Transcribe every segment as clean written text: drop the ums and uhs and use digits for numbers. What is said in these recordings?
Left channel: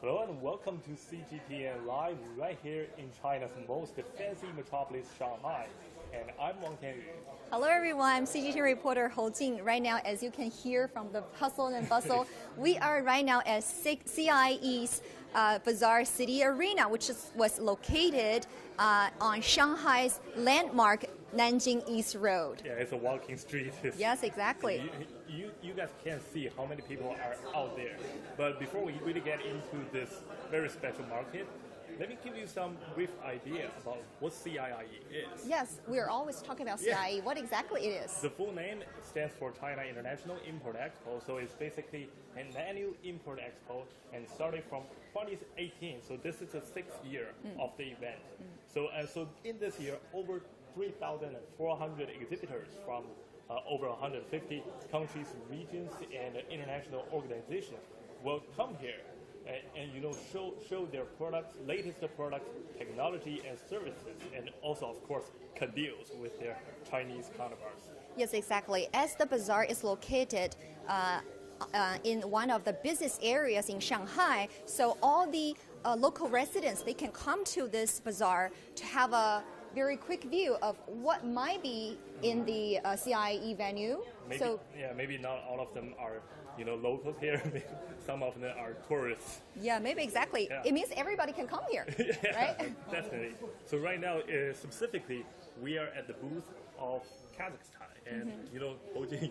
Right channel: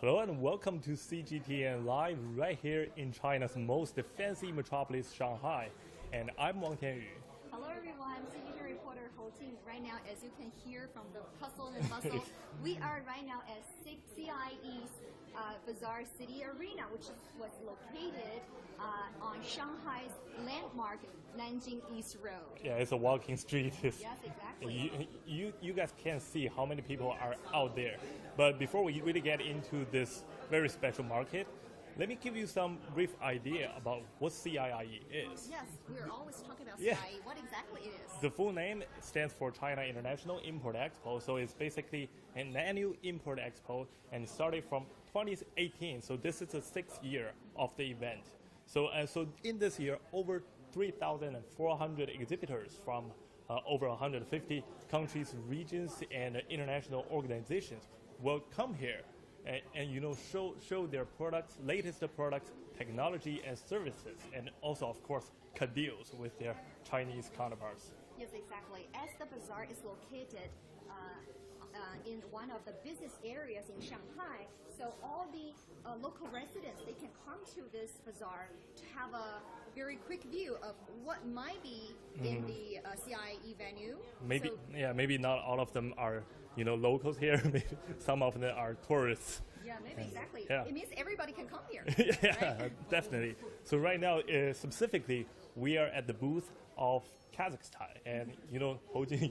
Hello and welcome to CGTN Live right here in China's most fancy metropolis, Shanghai. And I'm Wang Tianyu. Hello everyone, I'm CGTN reporter Hou Jing. Right now, as you can hear from the hustle and bustle, we are right now at CIIE's Bazaar City Arena, which was located on Shanghai's landmark Nanjing East Road. Yeah, it's a walking street. Yes, exactly. You guys can't see how many people are out there. But before we really get into this very special market, let me give you some brief idea about what CIIE is. Yes, we are always talking about CIIE. What exactly it is? The full name stands for China International Import Expo, so it's basically an annual import expo and it started from 2018, so this is the 6th year of the event. So in this year, over 3,400 exhibitors from over 150 countries, regions, and international organizations will come here and show their products, latest products, technology and services, and also of course cut deals with their Chinese counterparts. Yes, exactly. As the bazaar is located in one of the business areas in Shanghai, so all the local residents, they can come to this bazaar to have a very quick view of what might be in the CIIE venue. Maybe not all of them are locals here. Some of them are tourists. Yeah, maybe exactly. Yeah. It means everybody can come here. Yeah, right? Definitely. So right now, specifically, we are at the booth of Kazakhstan, and Hou Jing,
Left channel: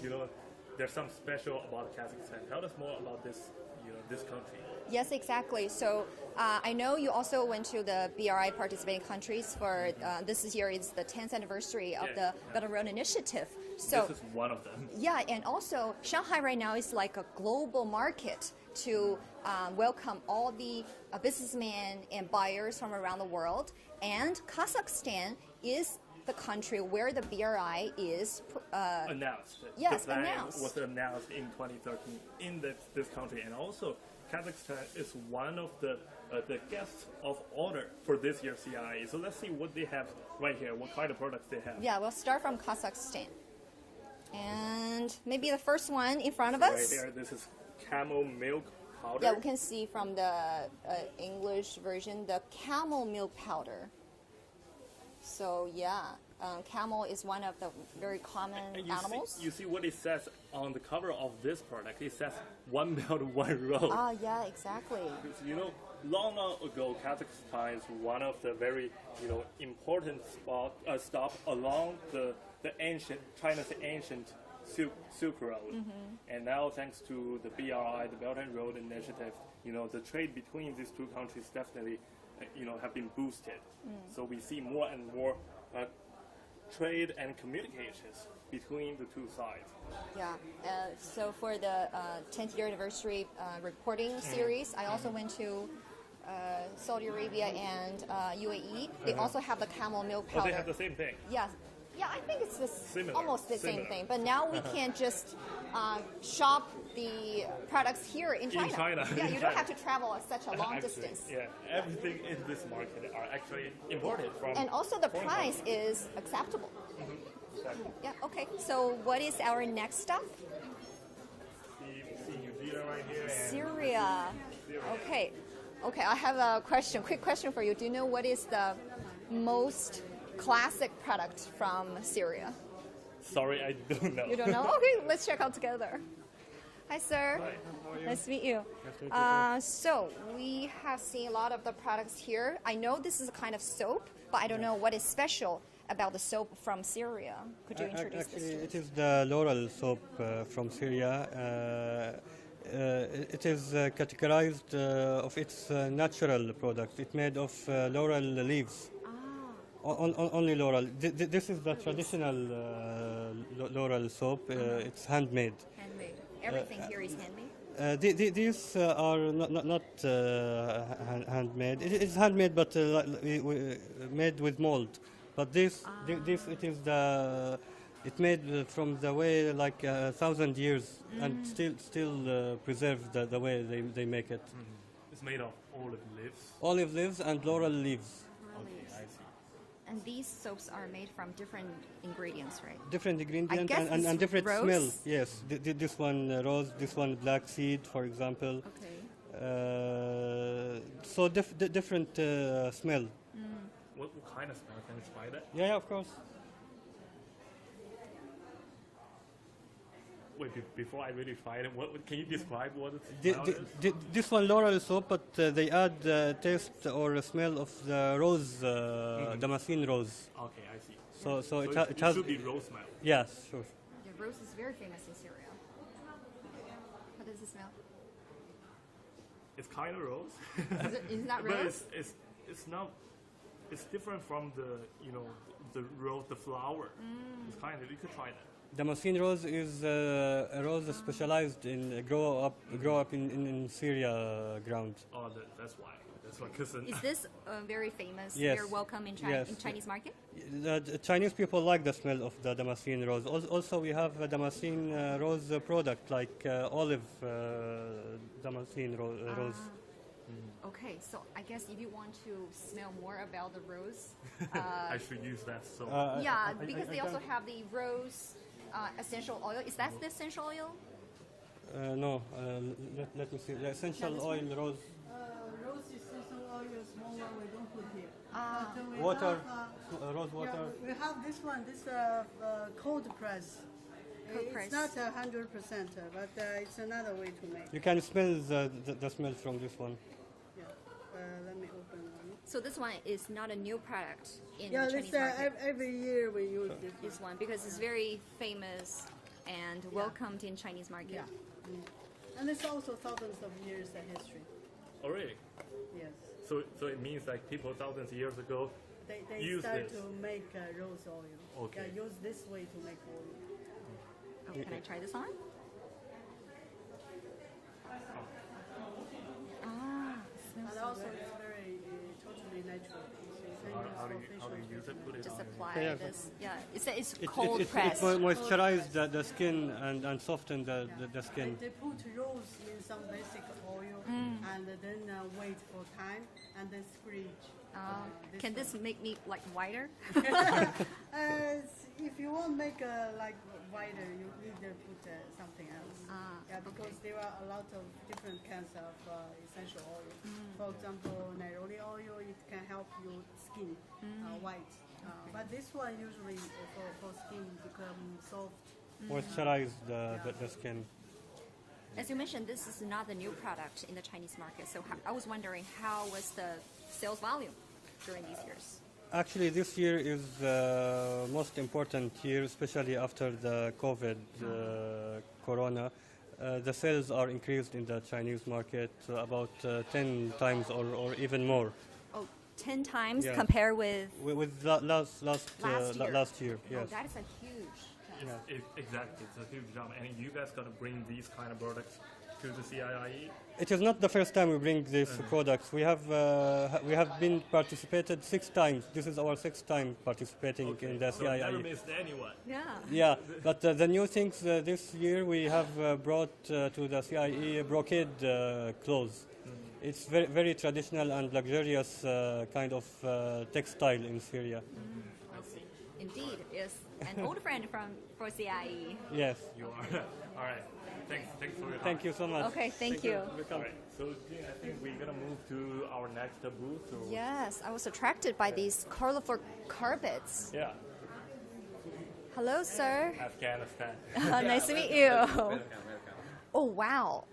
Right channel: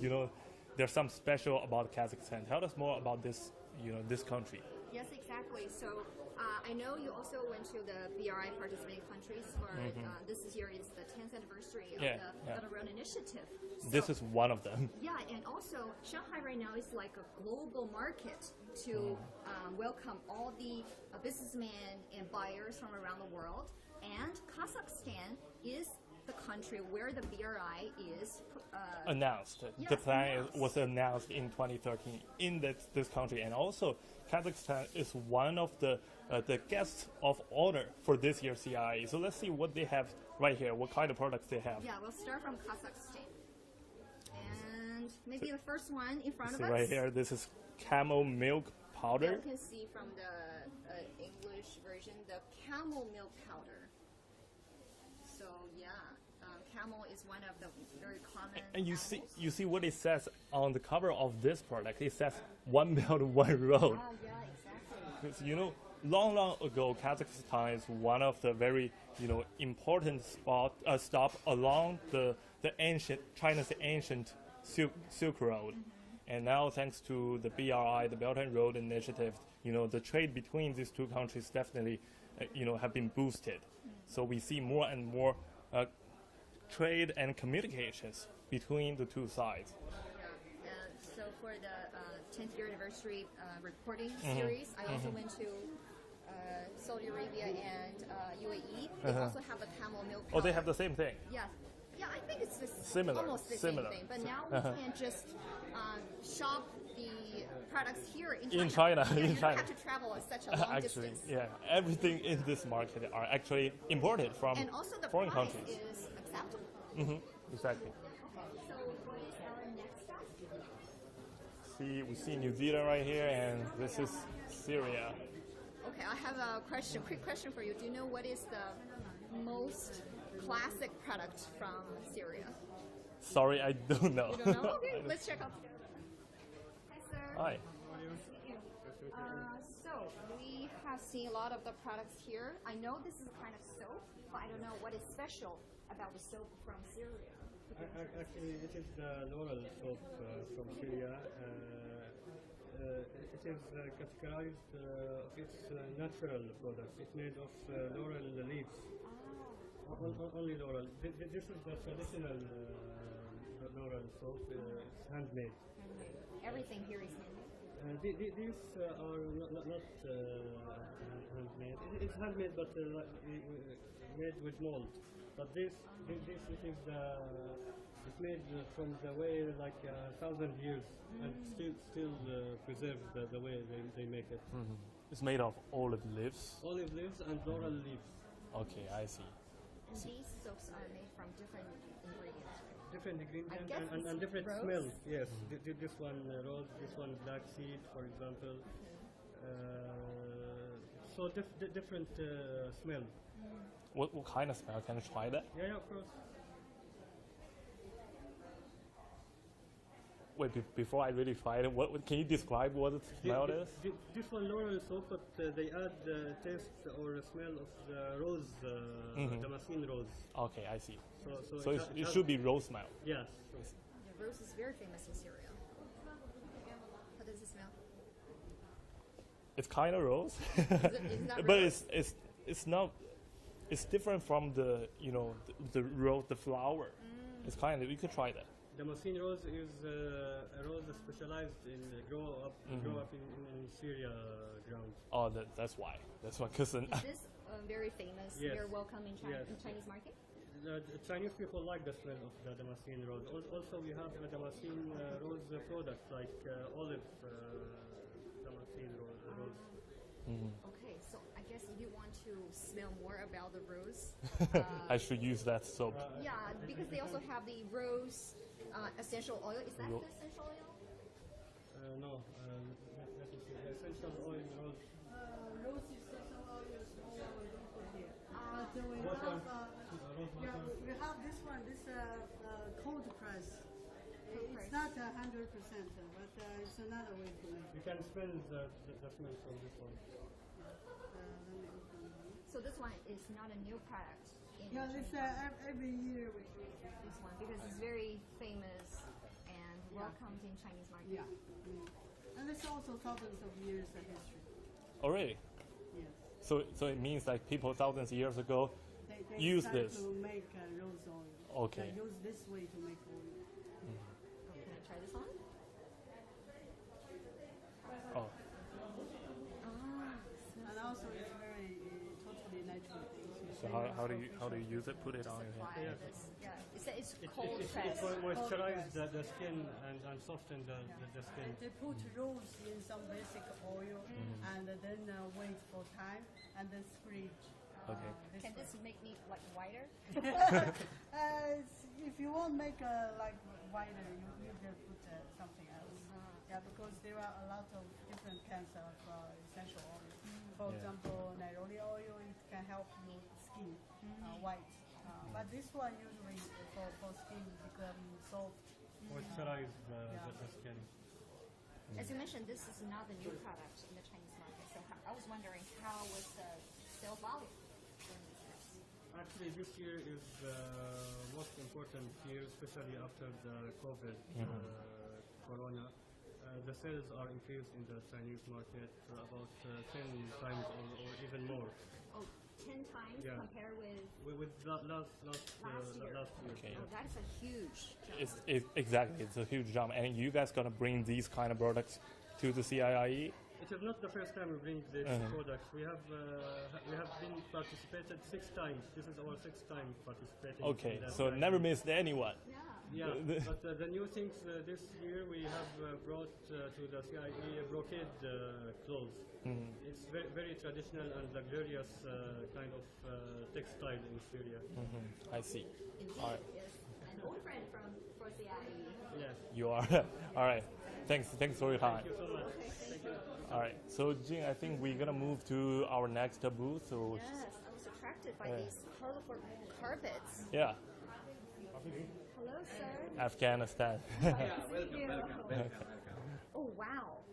there's something special about Kazakhstan. Tell us more about this, this country. Yes, exactly. So I know you also went to the BRI participating countries for this year is the 10th anniversary of the Belt and Road Initiative. So this is one of them. Yeah, and also Shanghai right now is like a global market to welcome all the businessmen and buyers from around the world. And Kazakhstan is the country where the BRI is announced. Yes, the plan was announced in 2013 in this country, and also Kazakhstan is one of the guests of honor for this year's CIIE. So let's see what they have right here, what kind of products they have. Yeah, we'll start from Kazakhstan. And maybe the first one in front of us. Right there, this is camel milk powder. Yeah, we can see from the English version, the camel milk powder. So yeah, camel is one of the very common animals. You see what it says on the cover of this product. It says "One Belt, One Road." Ah, yeah, exactly. Because long ago, Kazakhstan is one of the very important stop along the China's ancient Silk Road. And now, thanks to the BRI, the Belt and Road Initiative, the trade between these two countries definitely have been boosted. So we see more and more trade and communications between the two sides. Yeah, so for the 10th year anniversary reporting series, I also went to Saudi Arabia and UAE. They also have the camel milk powder. Oh, they have the same thing? Yes. Yeah, I think it's almost the similar. same thing. But now we can just shop the products here in China. In China. Yeah, you don't have to travel such a long distance. Yeah, everything in this market are actually imported from. And also the price countries. is acceptable. Exactly. Yeah. Okay. So what is our next stop? We see New Zealand right here. And Syria. This is Syria. Okay. Okay. I have a question. Quick question for you. Do you know what is the most classic product from Syria? Sorry, I don't know. You don't know? Okay, let's check out together. Hi, sir. Hi. Nice to meet you. So we have seen a lot of the products here. I know this is a kind of soap, but I don't know what is special about the soap from Syria. Could you introduce this to me? It is the laurel soap from Syria. It is categorized of its natural product. It's made of laurel leaves. Only laurel. This is the traditional laurel soap. It's handmade. Handmade. Everything here is handmade? These are not handmade. It is handmade, but made with mold. But this it is it made from the way like 1,000 years and still preserved the way they make it. It's made of olive leaves. Olive leaves and laurel leaves. Okay, I see. And these soaps are made from different ingredients, right? Different ingredients and different rose? smell. Yes, this one rose, this one black seed, for example. Okay. also different smell. What kind of smell? Can you try that? Yeah, of course. Wait, before I really try it, can you describe what the The- smell the- is? this one laurel soap, but they add taste or smell of the rose, Damascene rose. Okay, I see. So it, it has. should be rose smell. Yes, sure. Yeah, rose is very famous in Syria. How does it smell? It's kind of rose, Is it not but rose? it's not. It's different from the rose, the flower. It's kind of, you could try that. Damascene rose is a rose specialized in grow up in Syria ground. Oh, that's why. That's why. Cause Is this very famous? Yes. Very welcome in Yes. Chinese market? The Chinese people like the smell of the Damascene rose. Also, we have a Damascene rose product like olive Damascene rose. Okay, so I guess if you want to smell more about the rose, I should use that soap. yeah, because they also have the rose essential oil. Is that the essential oil? No, let me see. The essential oil rose. Rose essential oil, small one we don't put here. But we Water, have, rose yeah, water. we have this one, this cold press. Cold press. It's not 100%, but it's another way to make. You can smell the smell from this one. Yeah. Let me open one. So this one is not a new product in Yeah, the this Chinese market. every year we use this. This one because it's very famous and welcomed in Chinese market. Yeah. And it's also thousands of years of history. Already. Yes. So it means like people thousands of years ago They use start this. to make rose oil. Okay. Yeah, use this way to make oil. Oh, can I try this on? Oh, And also it's very totally natural. It's so very how do useful you facial use it? Put it Just on. apply Yeah. this. Yeah, it's It cold press. moisturizes the skin and soften the skin. They put rose in some basic oil and then wait for time and then squeeze. Can this make me like whiter? If you want to make like wider, you need to put something else. Yeah, because there are a lot of different kinds of essential oil. For example, neroli oil, it can help your skin white. But this one usually for skin become soft. Moisturize the skin. As you mentioned, this is not the new product in the Chinese market. So I was wondering how was the sales volume during these years? Actually, this year is the most important year, especially after the COVID, Corona. The sales are increased in the Chinese market about 10 times or even more. Oh, 10 times Yeah. compared with With last year. Oh, Yes. that is a huge jump. Exactly, it's a huge jump. And you guys gonna bring these kind of products to the CIIE? It is not the first time we bring these products. We have been participated 6 times. This is our 6th time participating Okay, in the so CIIE. never missed anyone. Yeah. Yeah, but the new things this year we have brought to the CIE brocade clothes. It's very traditional and luxurious kind of textile in Syria. I see. Indeed, is an old friend for CIE. Yes. You are. All right. Thanks for your time. Thank you so much. Okay, thank you. All right. So, Jin, I think we're gonna move to our next booth. Or Yes, I was attracted by these colorful carpets. yeah, Hello, sir. Afghanistan. Nice to meet you. Oh, wow.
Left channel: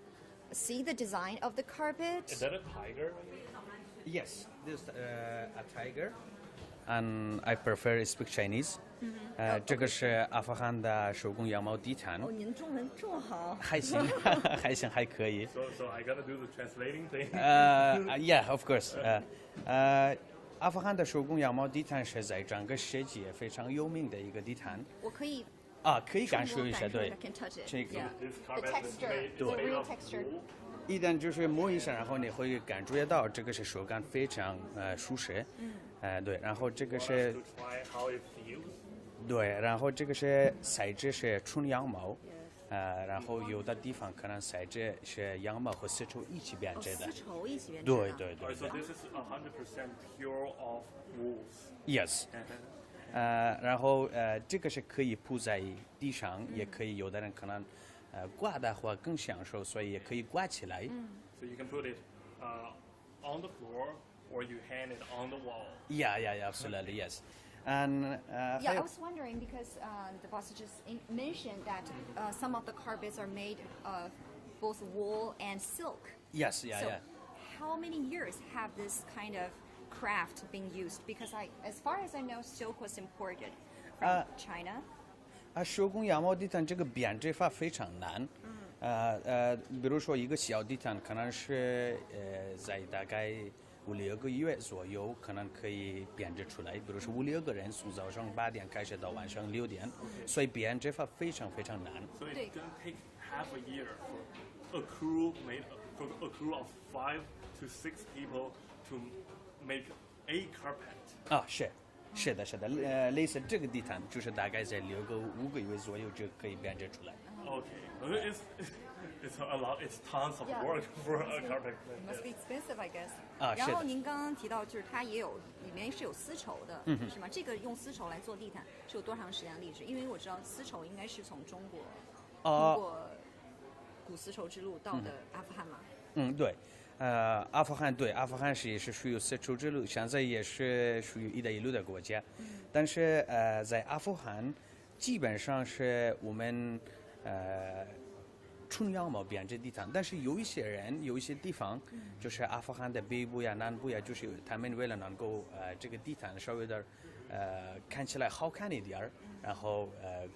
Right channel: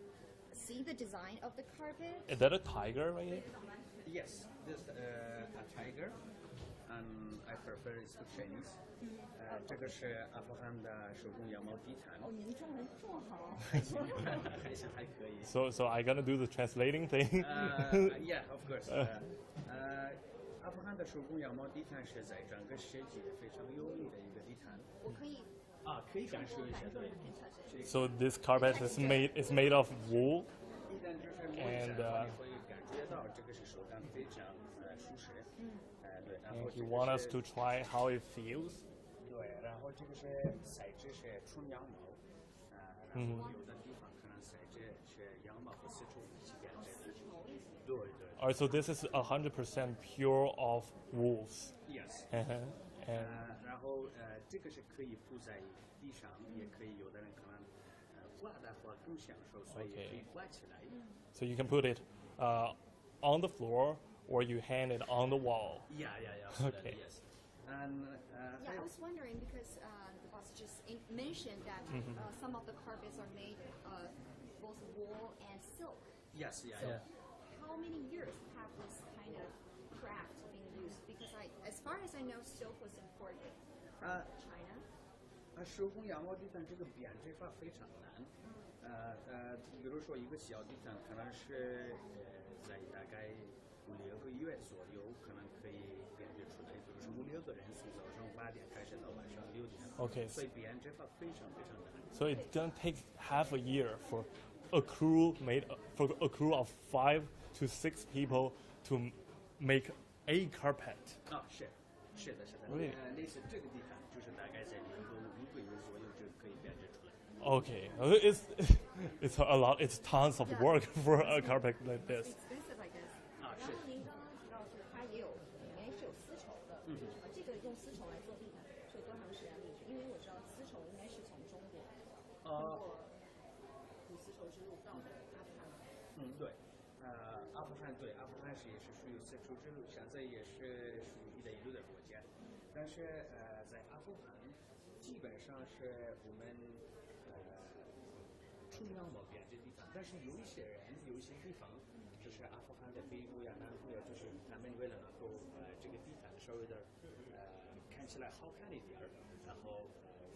See the design of the carpet? Is that a tiger right here? Yes, this is a tiger, and I prefer to speak Chinese. 这个是阿富汗的手工羊毛地毯，哦，您的中文这么好。还行，还行，还可以。So I gonna do the translating thing. Yeah, of course. 阿富汗的手工羊毛地毯是在整个世界非常有名的一个地毯。我可以可以感受一下，对 I。can touch it. 这 So 个 this carpet is made of wool. 一旦就是摸一下，然后你会感觉到这个是手感非常舒适。对，然后这个 Want us 是 to try how it feels? 对，然后这个是材质是纯羊毛，然后有的地方可能材质是羊毛和丝绸一起编织的。丝绸一起编织的。对对 Alright, so this is 100% pure of wools. ，yes。然后这个是可以铺在地上，也可以有的人可能挂的话更享受，所以也可以挂起来。 So you can put it on the floor or you hang it on the wall. Yeah, absolutely, yes. And Yeah, I was wondering because the boss just mentioned that some of the carpets are made of both wool and silk. yes, So yeah. how many years have this kind of craft been used? Because as far as I know, silk was imported from China. 手工羊毛地毯这个编织法非常难。比如说一个小地毯，可能是在大概5-6个月左右，可能可以编织出来。比如说5-6个人，从早上8点开始到晚上6点。Okay. 所以编织法非常非常难。 So it's gonna take half a year for a crew of 5 to 6 people to make a carpet. 是的，类似这个地毯，就是大概在5个月左右就可以编织出来。Okay, it's a lot. It's tons of work for a carpet like Must this. be expensive, I guess. 是的然后您刚刚提到，就是它也有里面是有丝绸的，是吗？这个用丝绸来做地毯是有多长时间的历史？因为我知道丝绸应该是从中国通过古丝绸之路到的阿富汗嘛。对。阿富汗也是属于丝绸之路，现在也是属于“一带一路”的国家，但是在阿富汗基本上是我们纯羊毛编织地毯，但是有一些地方，就是阿富汗的北部呀、南部呀，就是他们为了能够这个地毯稍微的看起来好看一点儿，然后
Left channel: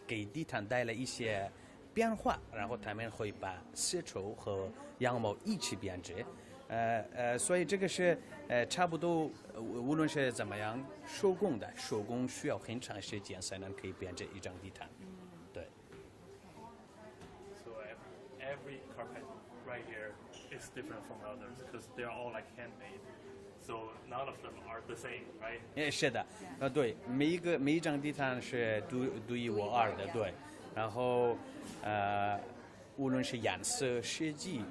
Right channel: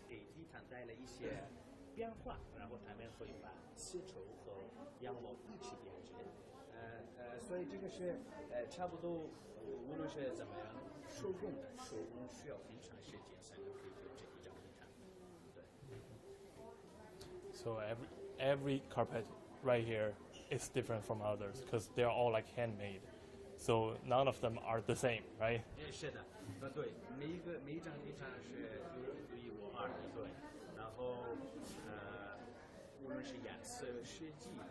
给地毯带来一些变化，然后他们会把丝绸和羊毛一起编织。所以这个是差不多，无论是怎么样，手工需要很长时间才能可以编织一张地毯。对。So every carpet right here is different from others because they're all like handmade. So none of them are the same, right? 是的，对，每一张地毯是独一无二的，对。然后无论是颜色、设计。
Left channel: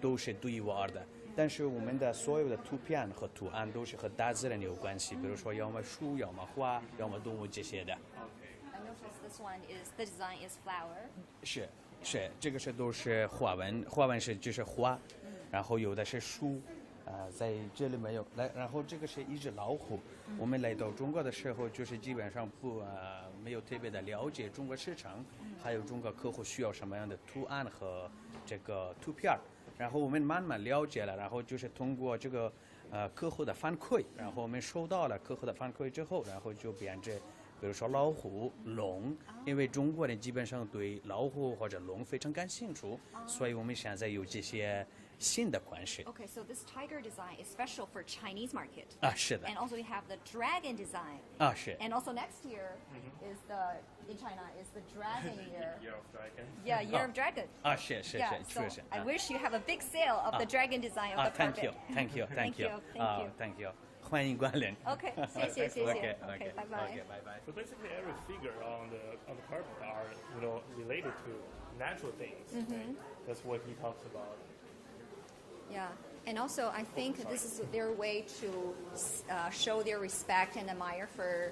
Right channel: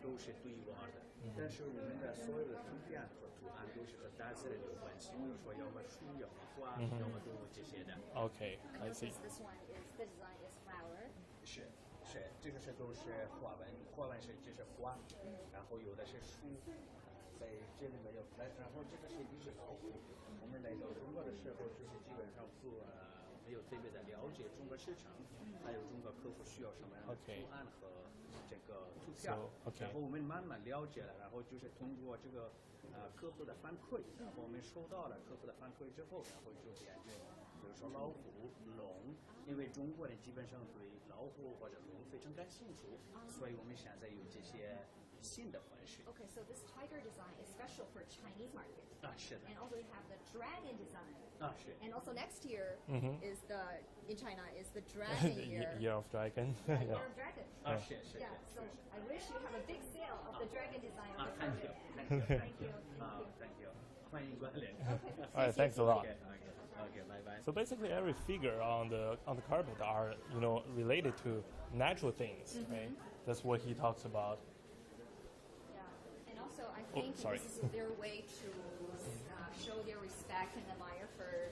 都是独一无二的，但是我们的所有的图片和图案都是和大自然有关系，比如说要么树，要么花，要么动物这些的。Okay, I see. This one is the design is flower. 是，这个都是花纹是就是花，然后有的是树，在这里没有来，然后这个是一只老虎。我们来到中国的时候，就是基本上没有特别的了解中国市场，还有中国客户需要什么样的图案和这个图片，然后我们慢慢了解了，然后就是通过这个客户的反馈，然后我们收到了客户的反馈之后，然后就编织，比如说老虎、龙，因为中国人基本上对老虎或者龙非常感兴趣，所以我们现在有这些新的款式。 Okay, so this tiger design is special for Chinese market. 是的。 And also we have the dragon design. 是。 And also next year is in China is the dragon year. Year of Dragon. Yeah, year of dragon. 是， Yeah, so 确实。 I wish you have a big sale of the dragon design of the Thank carpet. you. Thank you. Thank you. 欢迎光临。 Okay, Alright, 谢 thanks 谢 a lot. Okay, bye bye. Bye bye. So basically, every figure on the carpet are related to natural things. Right? That's what he talks about. Yeah, and also I think this is their way to show their respect and admire for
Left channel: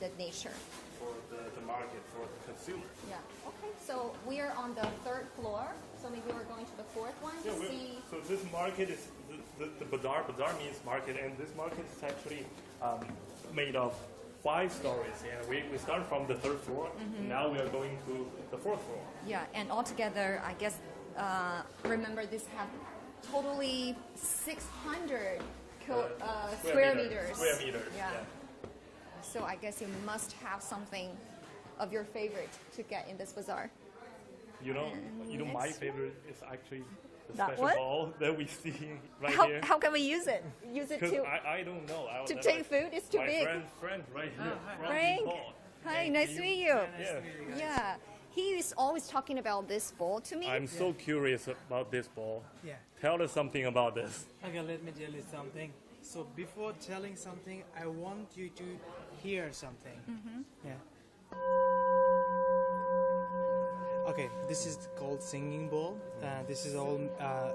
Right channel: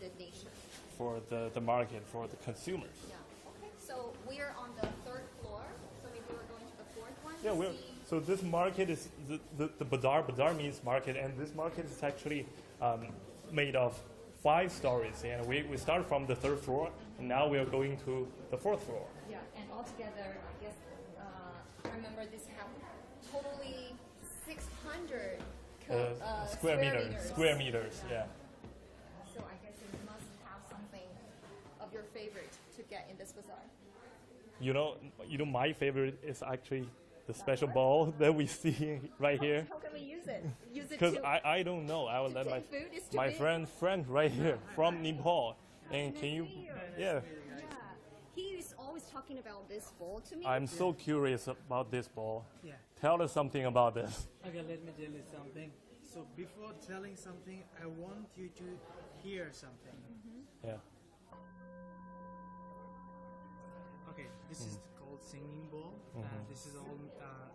the nature. For the market, for the consumers. Yeah. Okay, so we are on the 3rd floor. So maybe we're going to the 4th one Yeah, to see. so this market is the bazaar. Bazaar means market, and this market is actually made of 5 stories. And we start from the 3rd floor. Now we are going to the 4th floor. Yeah, and altogether, I guess, remember this have totally 600 square meters. Square meters. Yeah. So I guess you must have something of your favorite to get in this bazaar. You know, my favorite is actually the That special one? ball that we see right here. How can we use it? Use it Because to I don't know. I will to let take food? It's too my big. friend right here from Frank? Nepal. Hi, And nice to meet you. Yeah. Yeah, he is always talking about this bowl to me. I'm so curious about this ball. Yeah. Tell us something about this. Okay, let me tell you something. So before telling something, I want you to hear something. Yeah. Okay, this is called singing bowl. This is all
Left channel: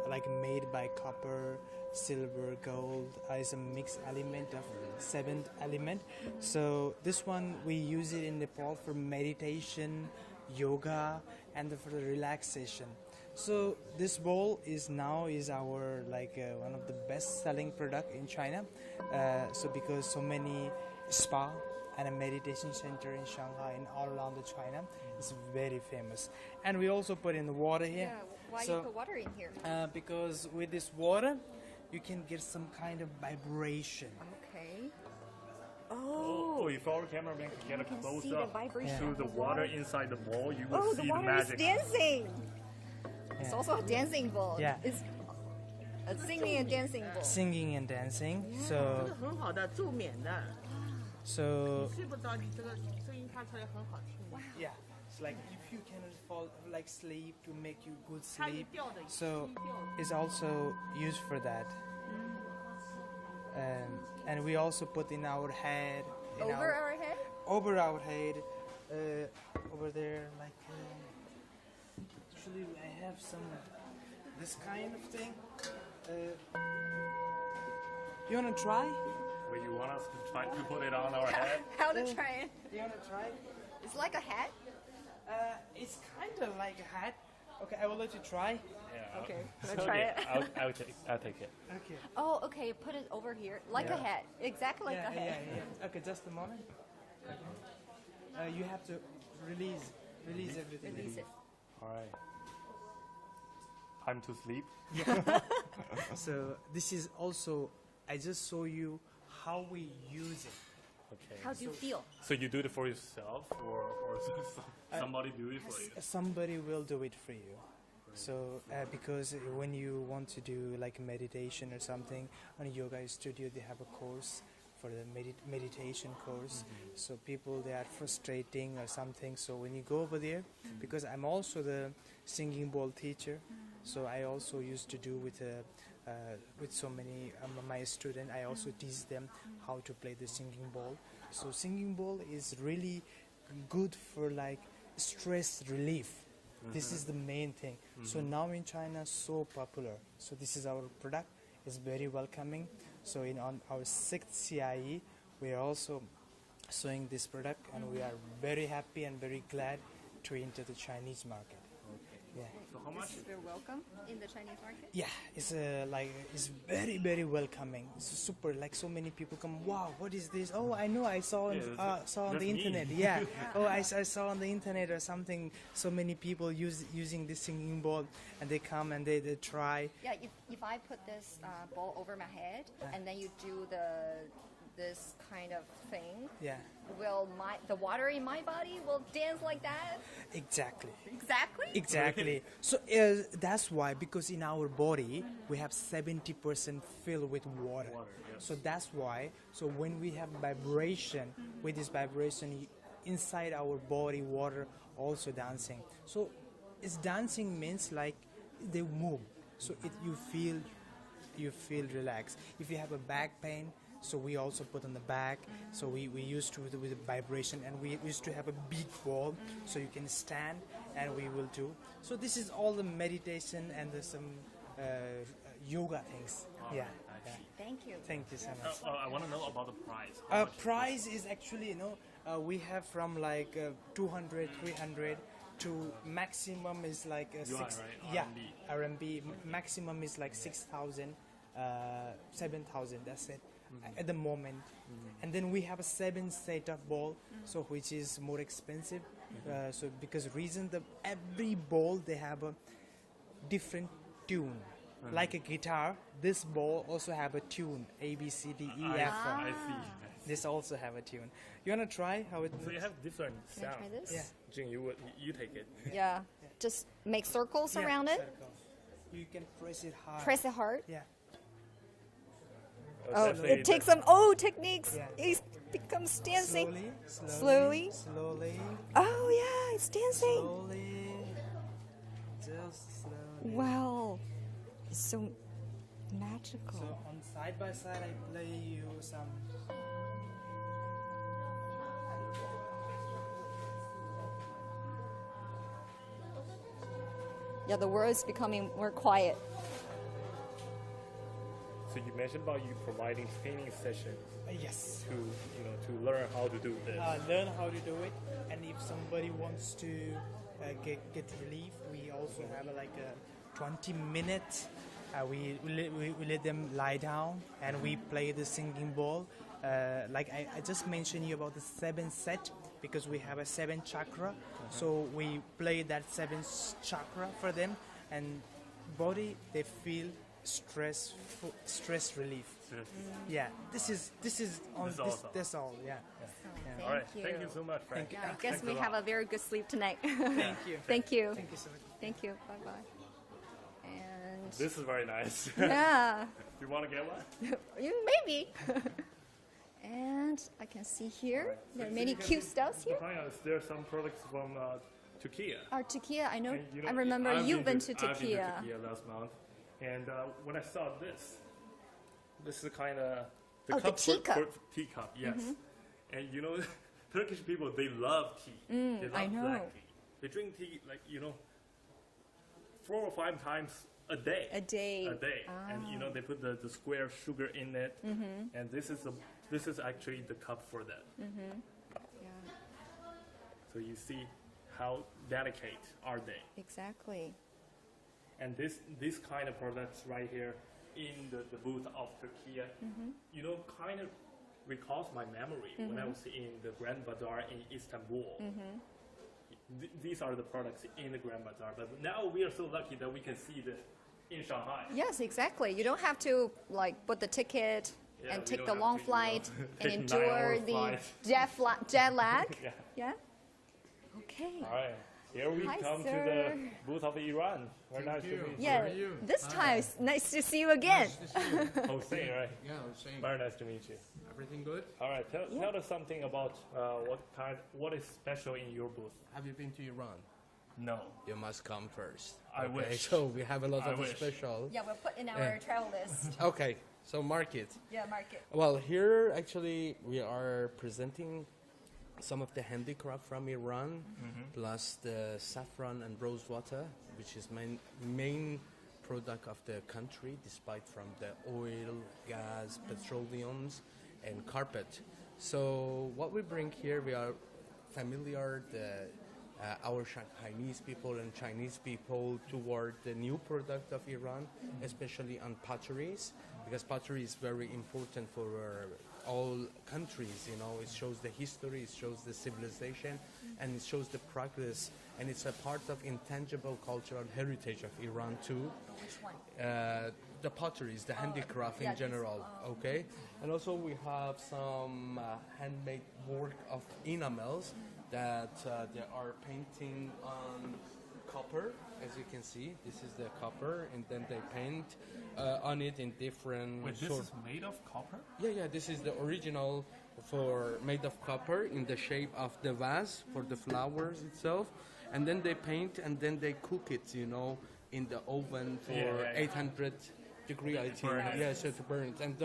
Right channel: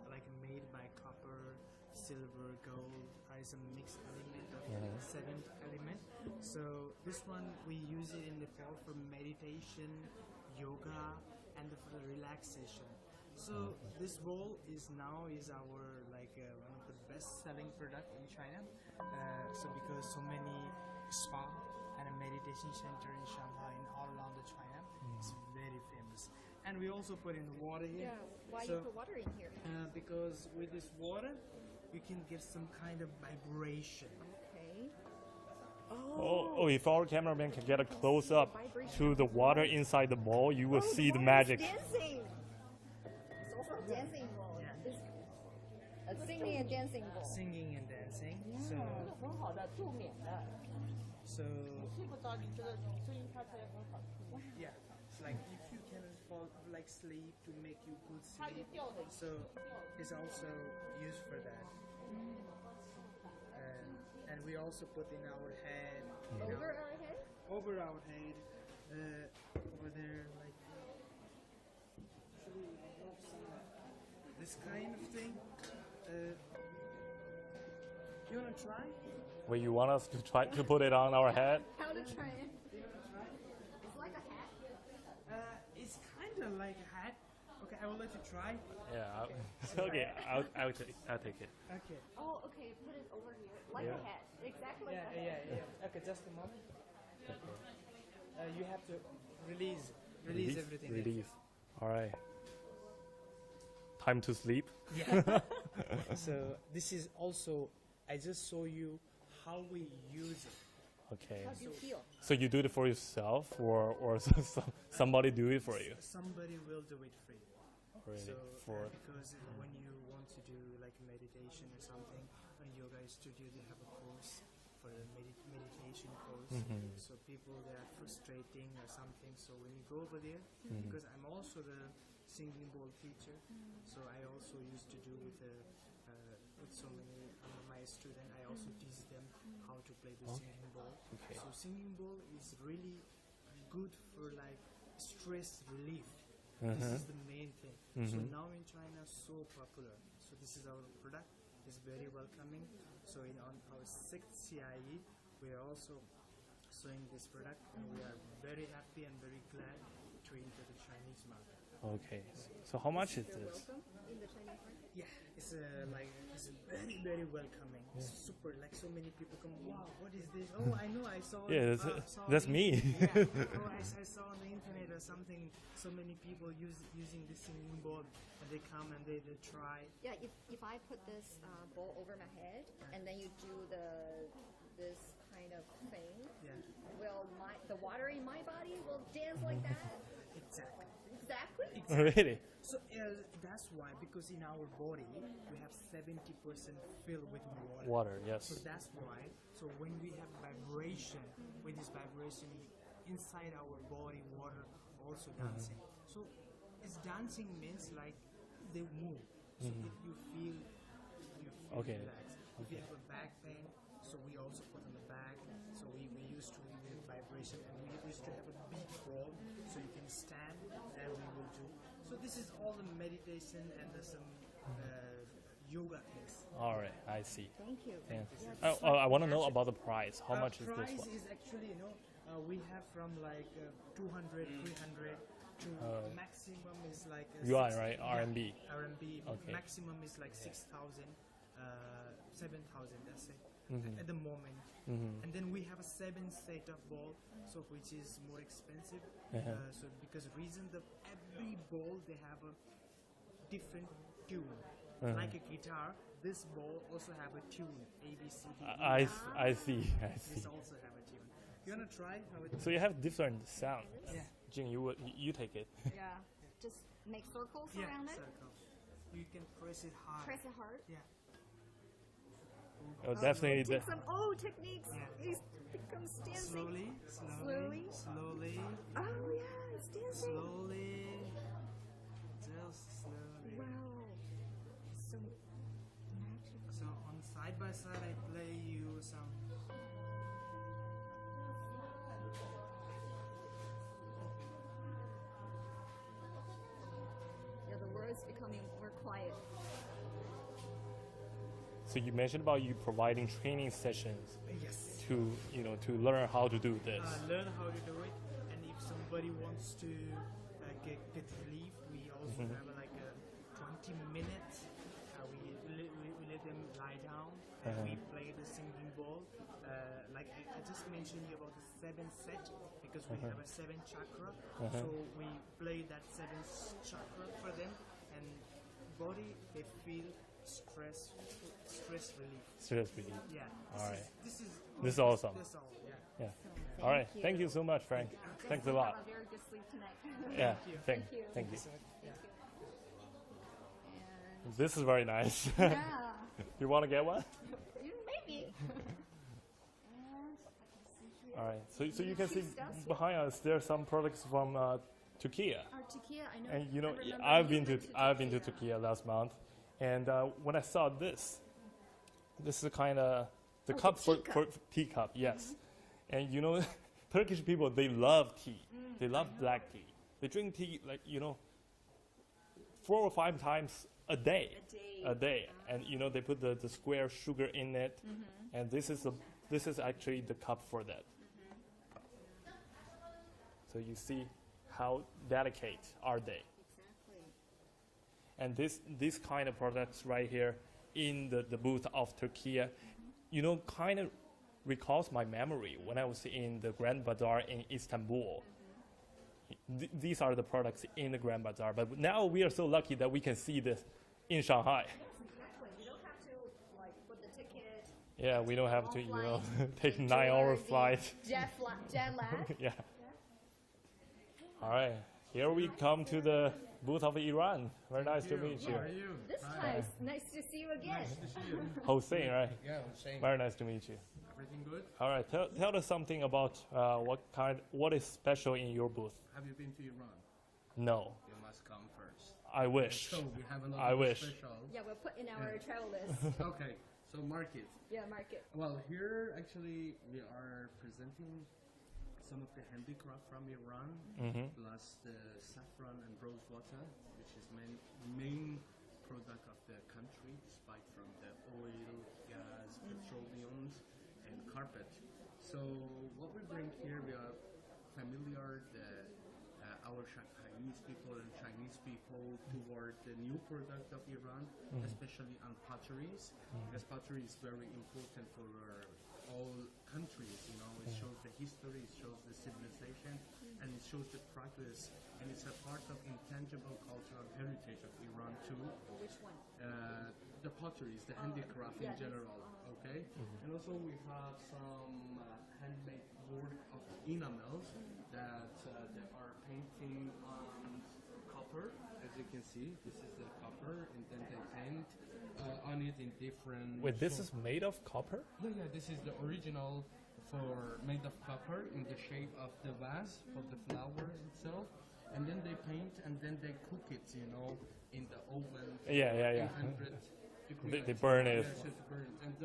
like made by copper, silver, gold. It's a mixed element of 7th element. So this one we use it in Nepal for meditation, yoga, and for the relaxation. So this bowl is our one of the best selling product in China. So because so many spa and a meditation center in Shanghai and all around the China, it's very famous. And we also put in the water here. Yeah, why So, you put water in here? because with this water, you can get some kind of vibration. Okay. Oh, if our cameraman can get a close see the up vibration to of the the water water. inside the bowl, you will Oh, see the water magic. is dancing. It's Yeah. also a dancing bowl. Yeah. It's a singing and dancing bowl. Singing and dancing. Yeah. So 很好的助眠的， so 睡不着，你这个声音发出来很好听。 yeah, it's like if you can fall like sleep to make you good 它一 sleep. 调的 So 低调。 it's also used for that. And we also put in our head, in Over our, our head? over our head, over there, like. Actually, I have some this kind of thing. You wanna try? Wait, you want us to try to put it on our head? How to try it? You wanna try? It's like a hat. It's kind of like a hat. Okay, I will let you try. Yeah. Okay, let's try it. I'll take it. Okay. Oh, okay. Put it over here, like a Yeah. hat, exactly like a hat. Okay, just a moment. You have to release everything. Release. All right. Time to sleep. So this is also, I just show you how we use it. Okay. How do you feel? So you do it for yourself, or somebody do it for you? Somebody will do it for you. Right. So because when you want to do like meditation or something on a yoga studio, they have a course for the meditation course. So people, they are frustrating or something. So when you go over there, because I'm also the singing bowl teacher, so I also used to do with so many my students. I also teach them how to play the singing bowl. So singing bowl is really good for like stress relief. This is the main thing. So now in China, so popular. So this is our product. It's very welcoming. So on our 6th CIE, we are also showing this product, and we are very happy and very glad to enter the Chinese market. Okay. Yeah. So how much is You're this? welcome in the Chinese market. Yeah, it's it's very welcoming. It's super, like so many people come. Wow, what is this? Oh, I know, I saw Yeah, that's- saw on that's the me. internet. Yeah. Oh, I saw on the internet or something. So many people using this singing bowl, and they come and they try. Yeah, if I put this bowl over my head and then you do this kind of thing, Yeah, will the water in my body will dance like that? exactly. Exactly. Exactly. Really? So that's why, because in our body we have 70% filled with water. Water, yes. So that's why. So when we have vibration, with this vibration inside our body, water also dancing. So it's dancing means like they move. So you feel Okay. relaxed. If you have a back pain, so we also put on the back. So we used to with the vibration, and we used to have a big ball, so you can stand, and we will do. So this is all the meditation and some yoga things. All Yeah. right, I see. Thank you. Thank you so much. I want to know about the price. How much Price is actually, we have from like 200, 300 to maximum is like Yuan, six- right? Yeah, RMB. RMB. Okay. Maximum is like 6,000, 7,000. That's it at the moment. And then we have a 7 set of ball, so which is more expensive. So because reason every ball they have a different tune. Like a guitar, this ball also have a tune, A, B, C, D, E, I, F. I see. This also have a tune. You wanna try how it? So you have different Can I sounds. try this? Yeah. Jing, you take it. Yeah. Just make circles Yeah, around it. circle. You can press it hard. Press it hard. Yeah. Oh, definitely it takes some techniques. Yeah. It becomes dancing. Slowly. Slowly. Slowly. Oh yeah, it's dancing. Slowly. Just slowly. Wow, it's so magical. So on side by side, I play you some. Yeah, the world is becoming more quiet. So you mentioned about you providing training sessions Yes. to to learn how to do this. Learn how to do it, and if somebody wants to get relief, we also have 20 minutes. We let them lie down and we play the singing bowl. Like I just mentioned you about the 7 set because we have a 7 chakra. So we play that 7 chakra for them, and body they feel stress relief. Seriously. Yeah, this All is this is awesome. That's all. Yeah. All right. Thank you so much, Frank. I guess Thanks we a lot. have a very good sleep tonight. Yeah. Thank you. Thank you so much. Thank you. Bye bye. And This is very nice. yeah, You want to get one? maybe. And I can see here All right. there are so many you can cute see stuffs here. Behind us, there are some products from Turkey. Turkey, I know. And you know, I remember I've you've been to I've been to Turkey. Turkey last month, and when I saw this is kind of the Oh, the cup teacup. for teacup, yes. And you know, Turkish people, they love tea. They love know. black tea. They drink tea like 4 or 5 times a day. A day. A day, and you know they put the square sugar in it, and this is actually the cup for that. So you see how delicate are they. Exactly. And this kind of products right here in the booth of Turkey, kind of recalls my memory when I was in the Grand Bazaar in Istanbul. These are the products in the Grand Bazaar, but now we are so lucky that we can see this in Shanghai. Yes, exactly. You don't have to put the ticket Yeah, and we take don't the have long to, flight take and 9-hour endure the flight. jet lag. Yeah. Yeah. Okay. All right. Here we Hi, come to the sir. booth of Iran. Very nice to meet Yeah. you. This time it's nice to see you again. Hossein, right? Yeah, I'm saying Very nice to meet you. everything good. All right. Tell us something about what is special in your booth. Have you been to Iran? No. You must come first. I Okay, wish. So we have a lot I of wish. special. Yeah, we'll put in our travel list. Okay, so market. Yeah, market. Well, here actually we are presenting some of the handicraft from Iran, plus the saffron and rose water, which is main product of the country, despite from the oil, gas, petroleums, and carpet. So what we bring here, we are familiar our Shanghainese people and Chinese people toward the new product of Iran, especially on potteries, because pottery is very important for all countries. It shows the history, it shows the civilization, and it shows the progress, and it's a part of intangible cultural heritage of Iran too. Which one? The potteries, the handicraft yeah, in general, okay? And also we have some handmade work of enamels that they are painting on copper, as you can see. This is the copper, and then they paint on it in different... Wait, this is made of copper? Yeah, this is the original made of copper in the shape of the vase for the flowers itself. And then they paint and then they cook it, in the oven for 800 degrees. They burn it. Yeah, so to burn it. And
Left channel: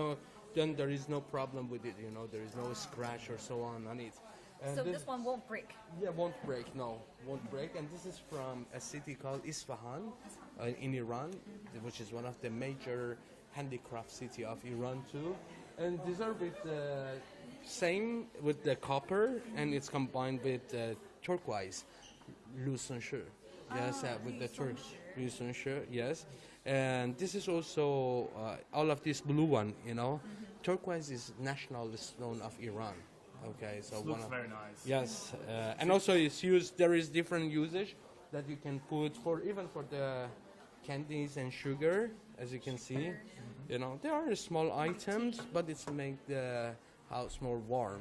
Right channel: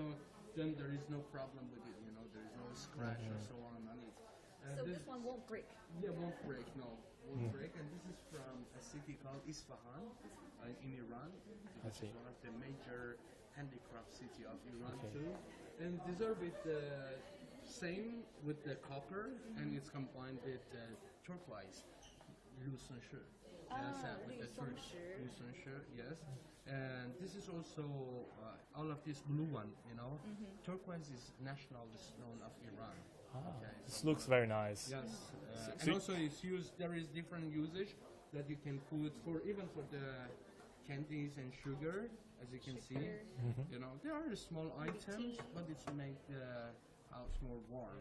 then there is no problem with it, there is no scratch or so on it. And So this one won't break. Yeah, won't break, won't break. And this is from a city called Isfahan in Iran, which is one of the major handicraft city of Iran too. And these are with the same with the copper, and it's combined with turquoise, Lucenche. Yes, with the Lucenche, yes. And this is also all of this blue one, Turquoise is national stone of Iran. Okay, so This looks very nice. yes, and also it's used. There is different usage that you can put even for the candies and sugar, as you can see. There are small items, but it's make the house more warm.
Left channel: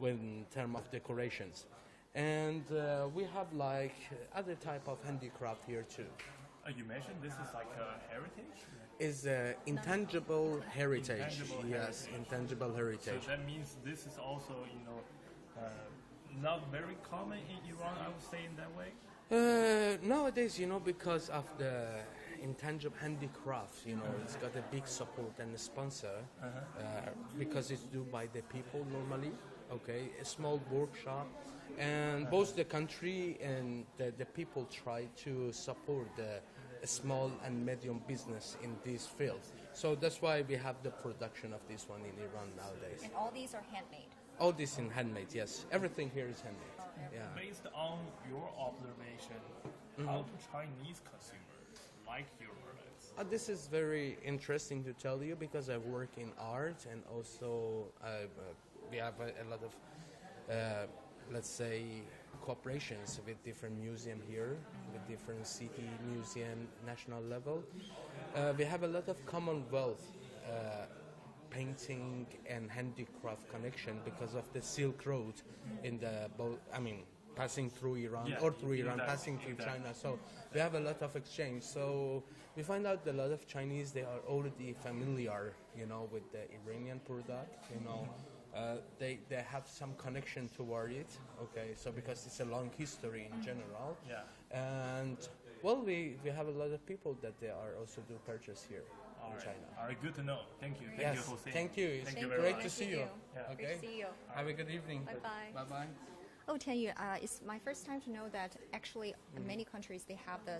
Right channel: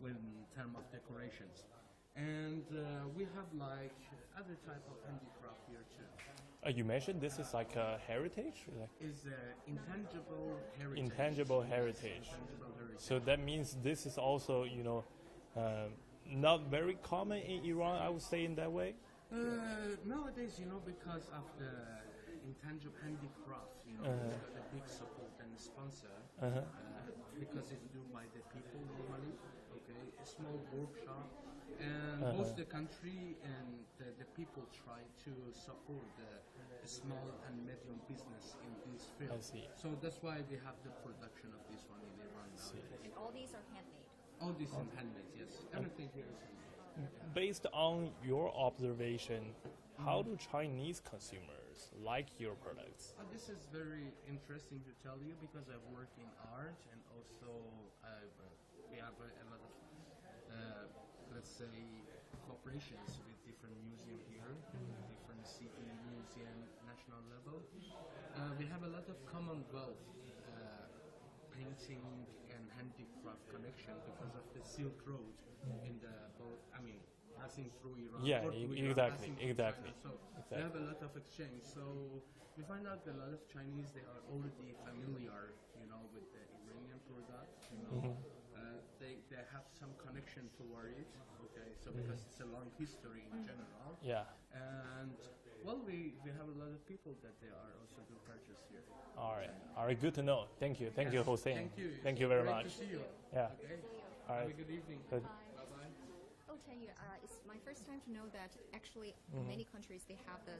When in terms of decorations, and we have like other type of handicraft here too. You mentioned this is like a heritage? Is intangible heritage. Intangible Yes, heritage. intangible heritage. So that means this is also, not very common in Iran, I would say in that way. Nowadays, because of the intangible handicraft, it's got a big support and a sponsor because it's done by the people normally. Okay, a small workshop, and both the country and the people try to support the small and medium business in this field. So that's why we have the production of this one in Iran nowadays. And all these are handmade. All this in handmade, yes. Everything here is handmade. Yeah. Based on your observation, how do Chinese consumers like your products? This is very interesting to tell you because I work in art and also we have a lot of, let's say, cooperations with different museum here, with different city, museum, national level. We have a lot of Commonwealth painting and handicraft connection because of the Silk Road in the, passing through Iran Yeah, or through Iran, exactly, passing through exactly. China. So we have a lot of exchange. So we find out a lot of Chinese, they are already familiar, with the Iranian product, they have some connection toward it. Okay, so because it's a long history in general. Yeah. And well, we have a lot of people that they are also do purchase here All in right. China. All right. Good to know. Thank you. Thank you, Yes, Hossein. thank you. Thank It's you very great much. to see you. Yeah. Great Okay. to see you. Have a good evening. Bye-bye. Bye bye. Oh, Tianyu, it's my first time to know that actually in many countries they have the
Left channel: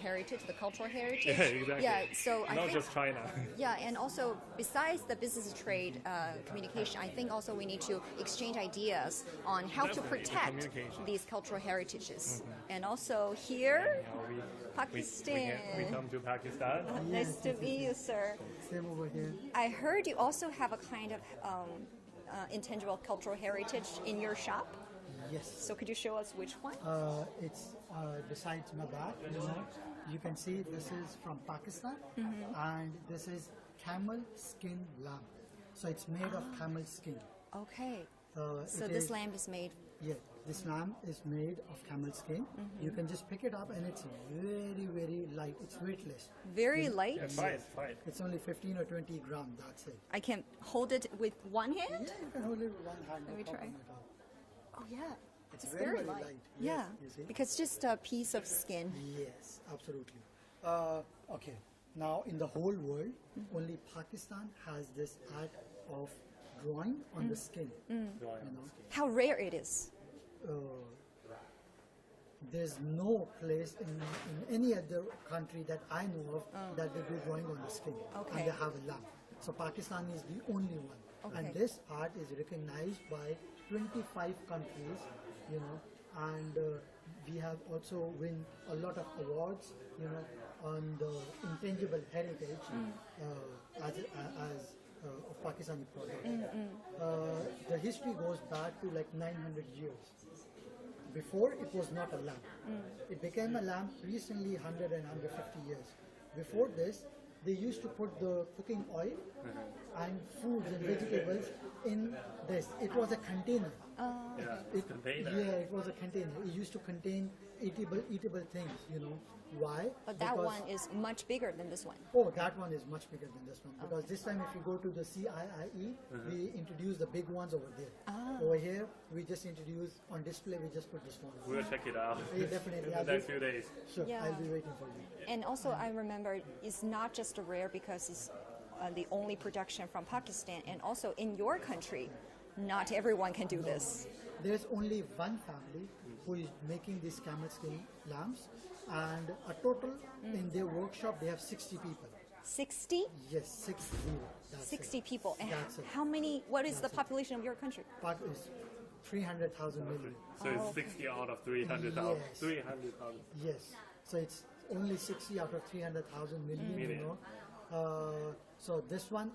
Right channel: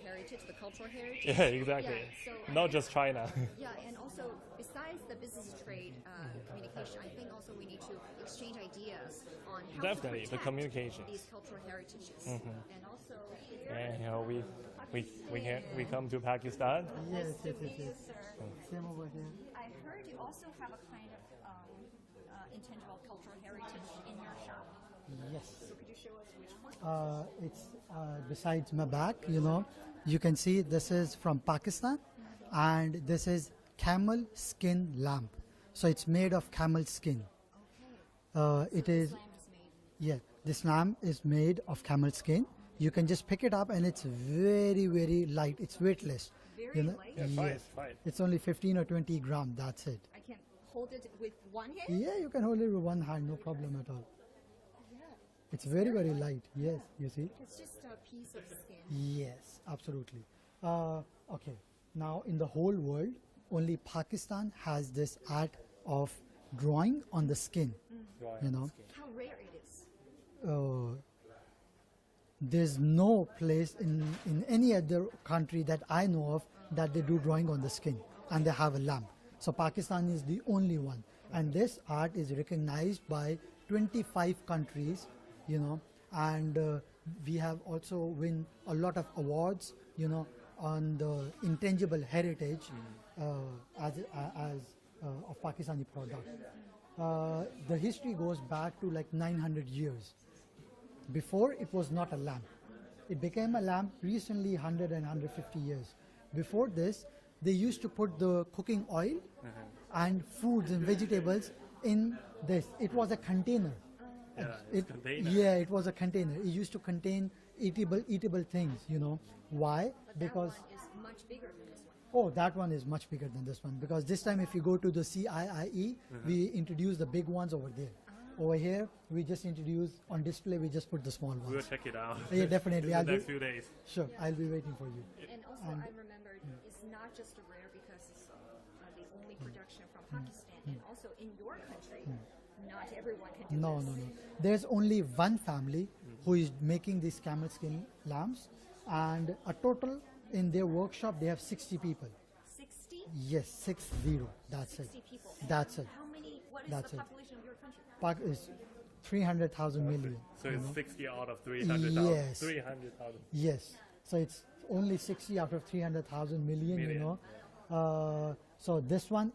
heritage, the cultural heritage. Yeah, exactly. Yeah, so I Not think- just China. Yeah, and also besides the business trade communication, I think also we need to exchange ideas on how Definitely, to the protect communication. these cultural heritages. And also here, And, Pakistan. we come to Pakistan. Nice to meet you, sir. Same over here. I heard you also have a kind of intangible cultural heritage in your shop. Yes. So could you show us which one? It's besides my back, you can see this is from Pakistan, and this is camel skin lamp. So it's made of camel skin. Okay. So So this lamp is made. Yeah, this lamp is made of camel skin. You can just pick it up, and it's very, very light. It's weightless. Very light. Yeah, try it. Try it. It's only 15 or 20 grams. That's it. I can hold it with one hand? Yeah, you can hold it with one hand, no Let me try. problem at all. Oh, yeah. It's very, very light. Yes, Yeah. you see. Because just a piece of skin. Yes, absolutely. Okay, now in the whole world, only Pakistan has this art of drawing on the skin. How rare it is. There's no place in any other country that I know of that they do drawing on the skin and Okay. they have a lamp. So Pakistan is the only one. And Okay. this art is recognized by 25 countries, and we have also win a lot of awards, on the intangible heritage of Pakistani product. The history goes back to like 900 years. Before it was not a lamp. It became a lamp recently 100 and 150 years. Before this, they used to put the cooking oil and fruits and vegetables in this. It was a container. Yeah, it's container. Yeah, it was a container. It used to contain eatable things, Why? But that one is much bigger than this one. Oh, that one is much bigger than this one. Because this time if you go to the CIIE, we introduce the big ones over there. Over here, we just introduce on display, we just put the small We'll ones. check it out. Yeah, definitely. In I'll the be, next few days. sure, Yeah. I'll be waiting for you. And also, I remember it's not just a rare because it's the only production from Pakistan, and also in your country, not everyone can do No, this. no. There's only one family who is making these camel skin lamps, and a total in their workshop they have 60 people. 60? Yes, 60. That's 60 it. people. And That's it. how many? What is That's the it. population of your country? Pak is 300,000 million. So it's 60 out of 300,000. Yes. 300,000. Yes. So it's only 60 out of 300,000 million, Million. So this one,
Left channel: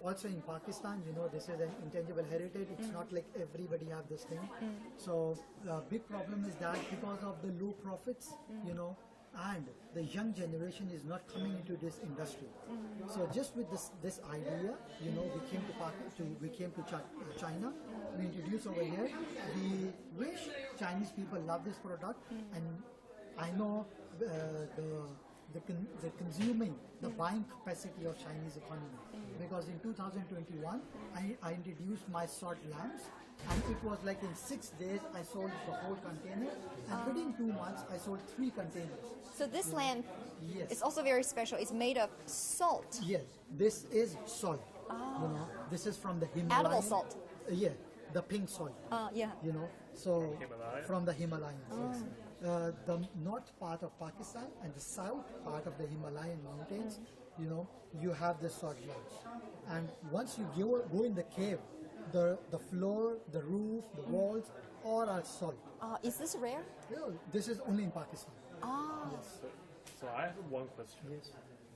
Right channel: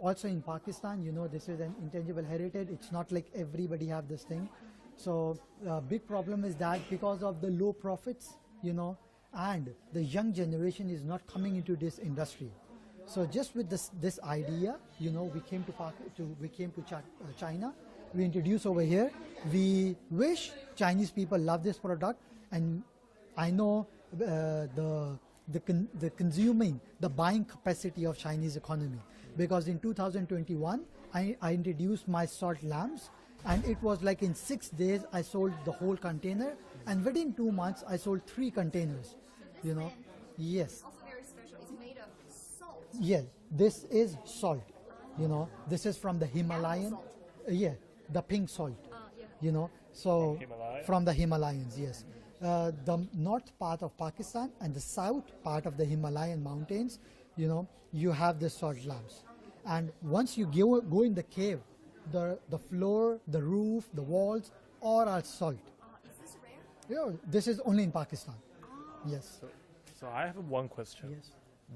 also in Pakistan, this is an intangible heritage. It's not like everybody have this thing. So big problem is that because of the low profits, and the young generation is not coming into this industry. So just with this idea, we came to China. We introduced over here. We wish Chinese people love this product, and I know the consuming, the buying capacity of Chinese economy. Because in 2021, I introduced my salt lamps, and it was like in 6 days I sold the whole container, and within 2 months I sold 3 containers. So this You know? lamp Yes. is also very special. It's made of salt. Yes, this is salt. This is from the Himalayan. salt. Yeah, the pink salt. Yeah. So Himalaya? from the Himalayas, yes. The north part of Pakistan and the south part of the Himalayan mountains, you have the salt lamps. And once you go in the cave, the floor, the roof, the walls, or are salt. Is this rare? This is only in Pakistan. Yes. So I have one question.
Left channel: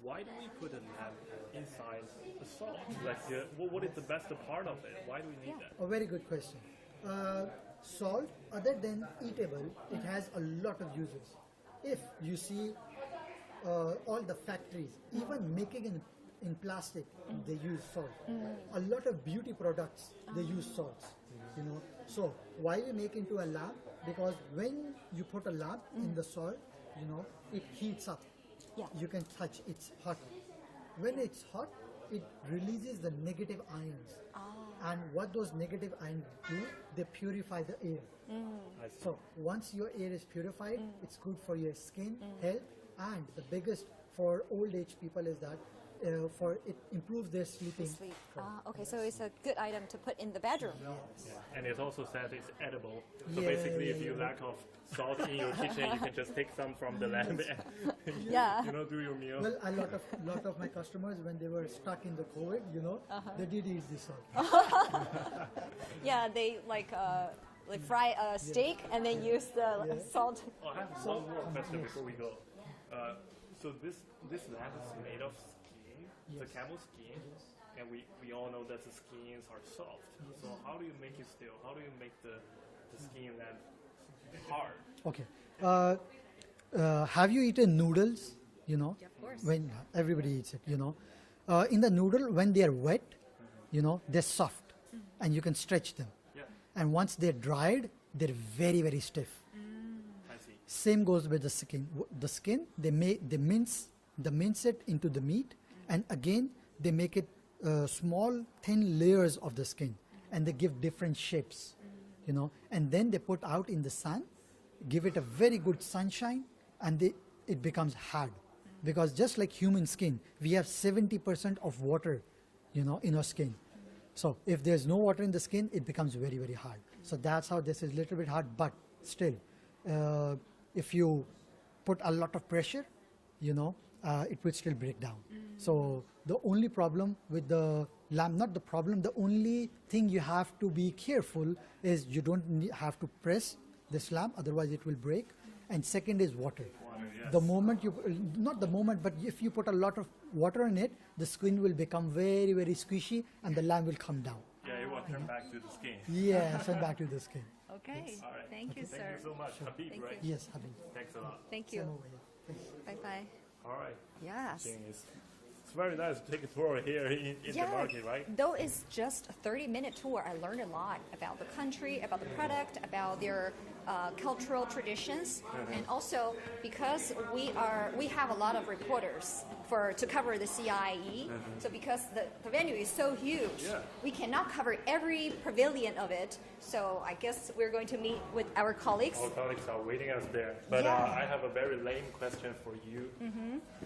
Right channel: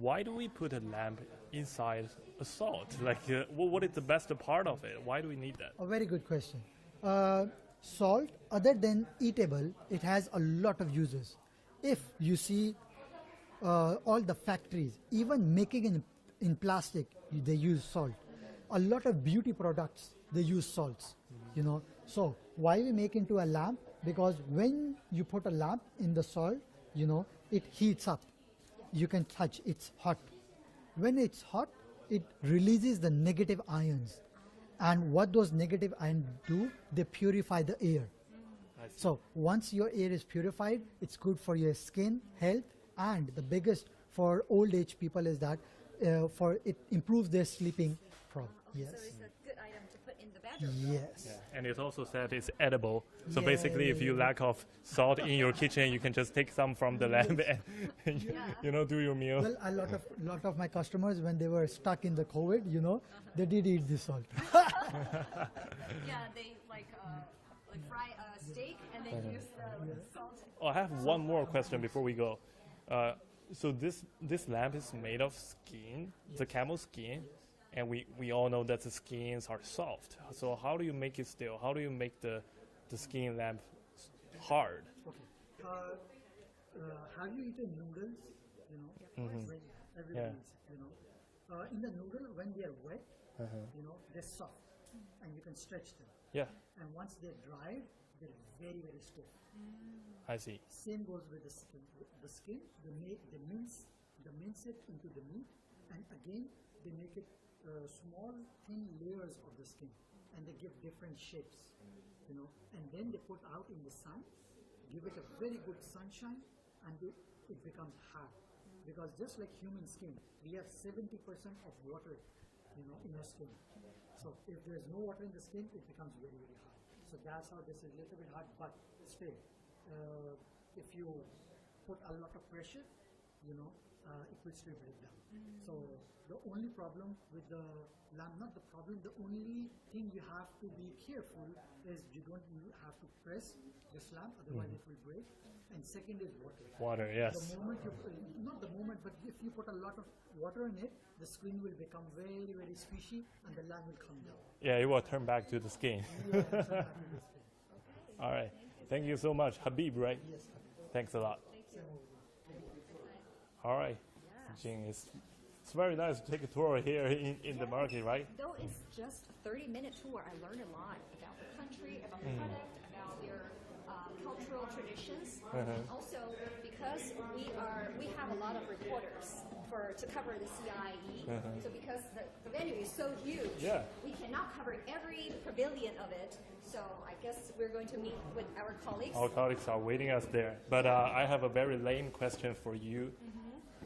Why do we put a lamp inside a salt? Like, what is the best part of it? Why do we need that? A very good question. Salt, other than eatable, it has a lot of uses. If you see all the factories, even making in plastic, they use salt. A lot of beauty products, they use salts. You know. So why we make into a lamp? Because when you put a lamp in the salt, you know, it heats up. Yeah. You can touch, it's hot. When it's hot, it releases the negative ions. And what those negative ions do, they purify the air. So once your air is purified, it's good for your skin, health, and the biggest for old age people is that for it improves their sleeping. Okay, so it's a good item to put in the bedroom. Yes. And it also said it's edible. So basically, if you lack of salt in your kitchen, you can just take some from the lamp and you know, do your meal. Well, a lot of my customers, when they were stuck in the COVID, you know, they did eat this salt. Yeah, they like fry a steak and then use the salt. Oh, I have one more question before we go. So this lamp is made of skin, the camel skin, and we all know that the skins are soft. So how do you make it still? How do you make the skin lamp hard? Okay. Have you eaten noodles? You know, when everybody eats it, you know. In the noodle, when they are wet, you know, they're soft, and you can stretch them. Yeah, And once they're dried, they're very, very stiff. I see. Same goes with the skin. The skin, they mince it into the meat, and again they make it small, thin layers of the skin, and they give different shapes, you know. And then they put out in the sun, give it a very good sunshine, and it becomes hard. Because just like human skin, we have 70% of water, you know, in our skin. So if there's no water in the skin, it becomes very, very hard. So that's how this is a little bit hard, but still, if you put a lot of pressure, you know, it will still break down. So the only problem with the lamp, not the problem, the only thing you have to be careful is you don't have to press this lamp, otherwise it will break. And second is water. Water, yes. The moment you, not the moment, but if you put a lot of water in it, the skin will become very, very squishy and the lamp will come down. Yeah, it will turn back to the skin. Yeah, turn back to the skin. Okay. All right. Thank you, Thank sir. you so much. Habib, right? Yes, Habib. Thanks a lot. Thank you. Bye-bye. All right. Yes. I think it's very nice to take a tour here in the market, right? Though it's just a 30-minute tour, I learned a lot about the country, about the product, about their cultural traditions, and also because we have a lot of reporters to cover the CIIE. So because the venue is so huge, we cannot cover every pavilion of it. So I guess we're going to meet with our colleagues. Our colleagues are waiting us there. But I have a very lame question for you.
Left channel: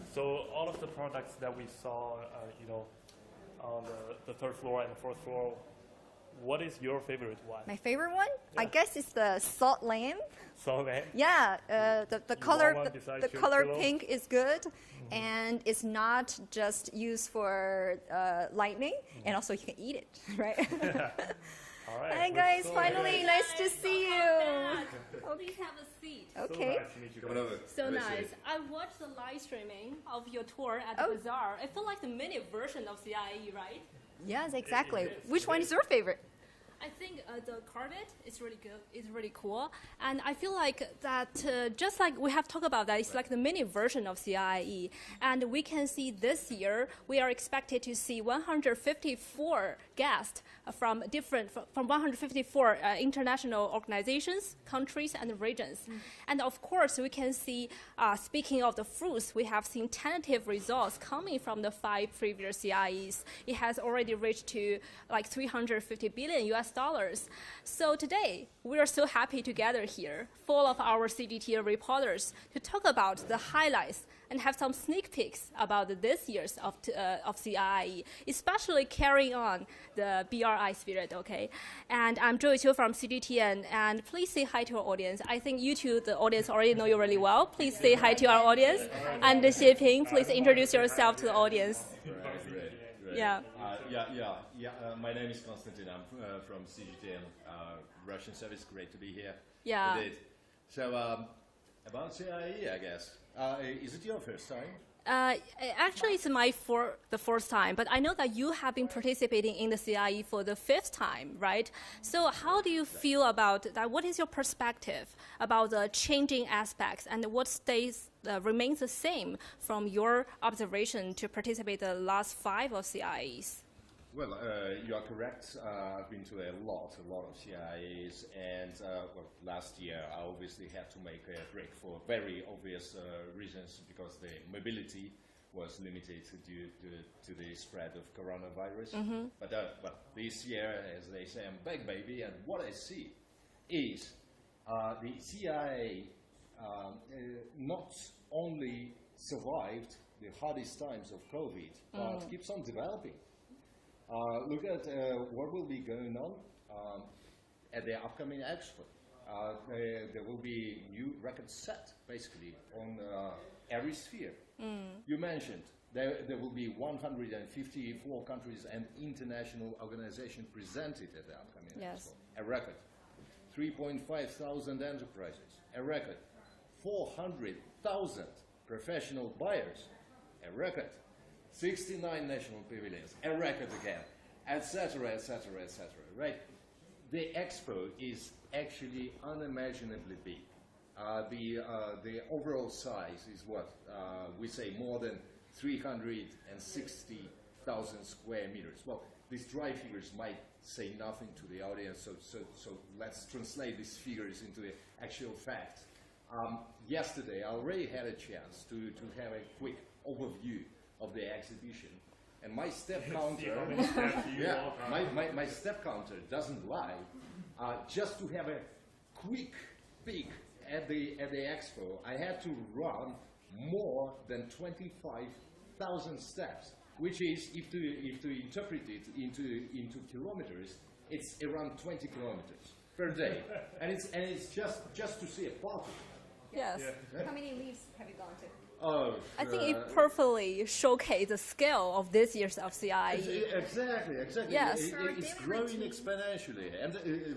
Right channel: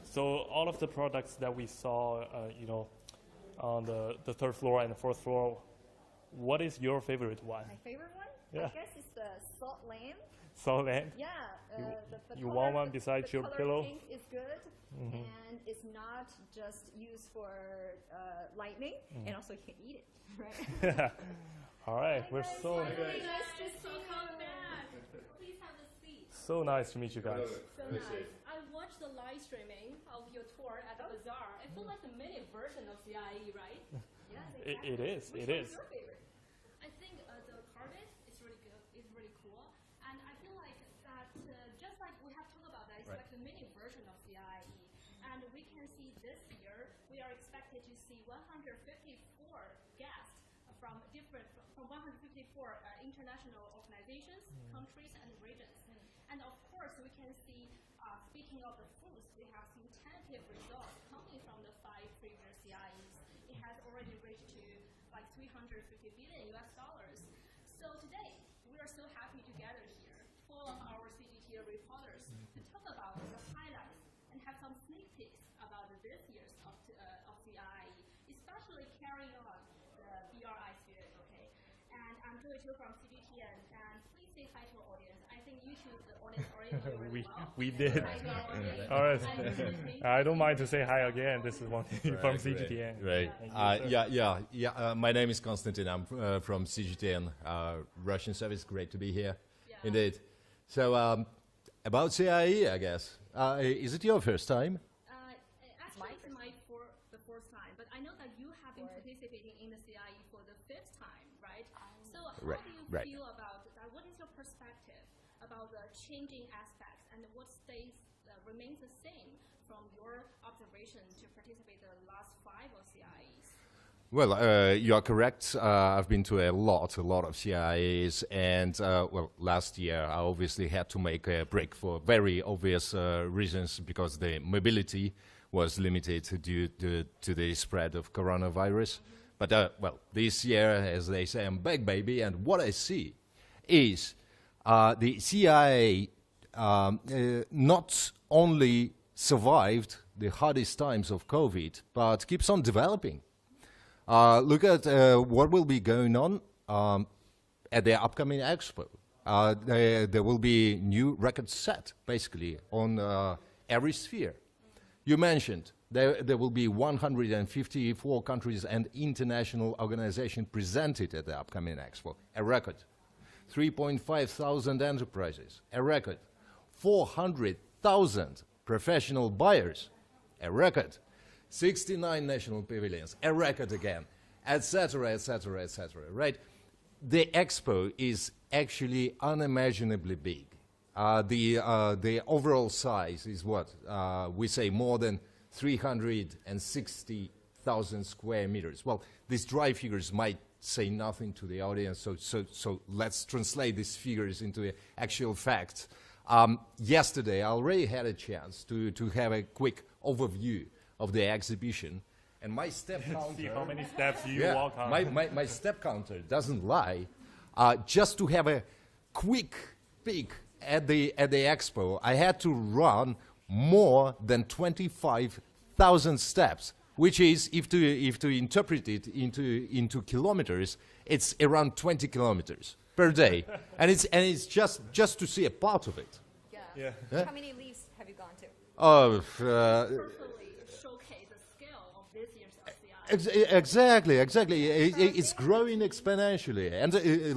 So all of the products that we saw, you know, on the third floor and the fourth floor, what is your favorite one? My favorite one, I guess, is the salt lamp. So then, Yeah, the You color want one besides the your color pillow? pink is good, and it's not just used for lightning, and also you can eat it, right? all right. Hi we're guys, so finally, nice to see you. Please have a seat. So Okay. nice to meet you guys. So nice. I watched the live streaming of your tour at the bazaar. It felt like the mini version of CIIE, right? Yes, exactly. is, Which it one is. is your favorite? I think the carpet is really good. It's really cool, and I feel like that just like we have talked about that, it's like the mini version of CIIE. And we can see this year we are expected to see 154 guests from 154 international organizations, countries, and regions. And of course, we can see. Speaking of the fruits, we have seen tentative results coming from the 5 previous CIEs. It has already reached to like $350 billion US. So today, we are so happy to gather here, full of our CGTN reporters, to talk about the highlights and have some sneak peeks about this year's of CIIE, especially carrying on the BRI spirit, okay? And I'm Joey Chiu from CGTN, and please say hi to our audience. I think you two, the audience, already know you really well. Please say hi to our audience. And Xie Ping, please introduce yourself to the audience. From CGTN. Yeah. My name is Konstantin. I'm from CGTN, Russian service. Great to be here. Yeah. Indeed. So about CIIE, I guess. Is it your first time? Actually, it's the fourth time, but I know that you have been participating in the CIIE for the 5th time, right? So how do you feel about that? What is your perspective about the changing aspects, and what remains the same from your observation to participate the last 5 of CIIEs? Well, you are correct. I've been to a lot of CIIEs, and last year I obviously had to make a break for very obvious reasons, because the mobility was limited due to the spread of coronavirus. But this year, as they say, I'm back, baby, and what I see is the CIIE not only survived the hardest times of COVID, but keeps on developing. Look at what will be going on at the upcoming expo. There will be new records set, basically, on every sphere. You mentioned there will be 154 countries and international organizations presented at the upcoming expo. A record. 3.5 thousand enterprises. A record. 400,000 professional buyers. A record. 69 national pavilions, a record again, etc., right? The expo is actually unimaginably big. The overall size is what? We say more than 360,000 square meters. Well, these dry figures might say nothing to the audience, so let's translate these figures into actual facts. Yesterday, I already had a chance to have a quick overview of the exhibition, and my step counter. See how many steps you walk on. My step counter doesn't lie. Just to have a quick peek at the expo, I had to run more than 25,000 steps, which is, if to interpret it into kilometers, it's around 20 kilometers per day, and it's just to see a part of it. Yes. Yeah. How many leaves have you gone to? I think it perfectly showcases the scale of this year's of CIIE. Exactly. Yes. It's growing exponentially, and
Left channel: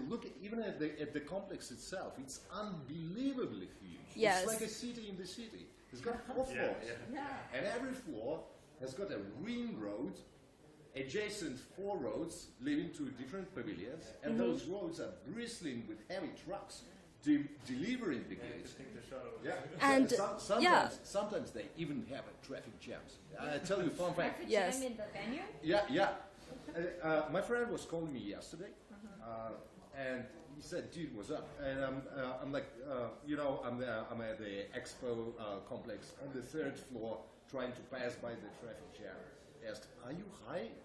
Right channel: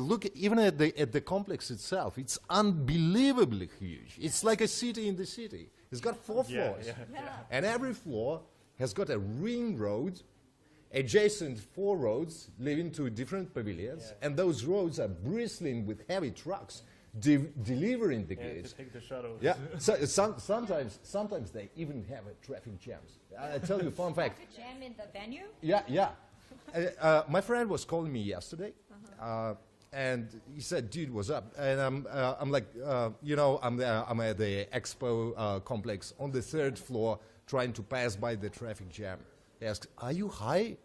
look even at the complex itself. It's unbelievably huge. Yes. It's like a city in the city. It's got 4 floors, and every floor has got a ring road, adjacent 4 roads leading to different pavilions, and those roads are bristling with heavy trucks delivering the goods. Take the shuttle. Yeah. And Sometimes they even have a traffic jams. I tell you a fun fact. Yes. in the venue? Yeah. My friend was calling me yesterday, and he said, "Dude, what's up?" And I'm like, I'm at the expo complex on the 3rd floor, trying to pass by the traffic jam. He asked, "Are you high?"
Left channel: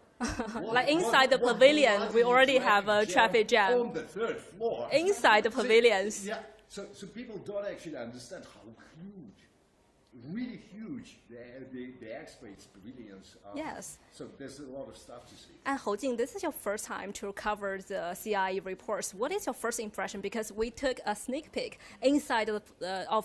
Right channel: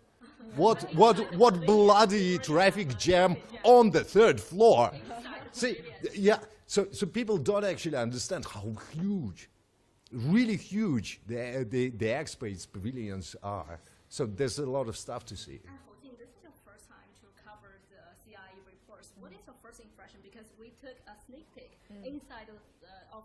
Like inside the pavilion, we already have a traffic jam on the 3rd floor. Inside the pavilions. Yeah. So people don't actually understand how huge, really huge the expo's pavilions are. Yes. So there's a lot of stuff to see. And Hou Jing, this is your first time to cover the CIIE reports. What is your first impression? Because we took a sneak peek inside of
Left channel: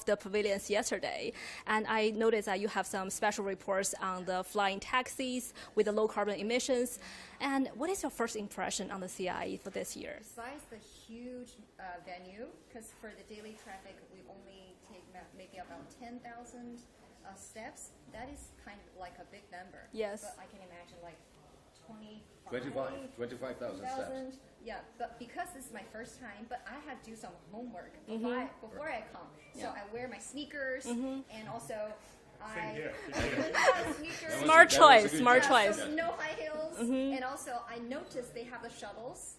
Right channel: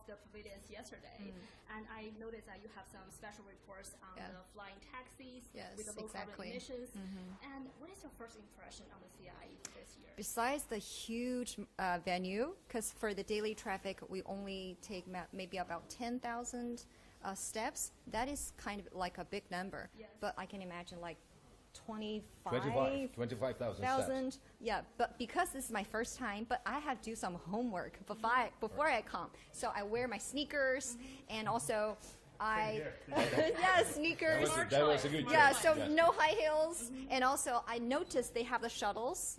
the pavilions yesterday, and I noticed that you have some special reports on the flying taxis with the low carbon emissions. And what is your first impression on the CIIE for this year? Besides the huge venue, because for the daily traffic, we only take maybe about 10,000 steps. That is kind of like a big number. Yes. But I can imagine like 25,000 steps. Yeah, but because this is my first time, but I have to do some homework before I come. So I wear my sneakers, and also sneakers. Smart choice. So no high heels, and also I noticed they have the shuttles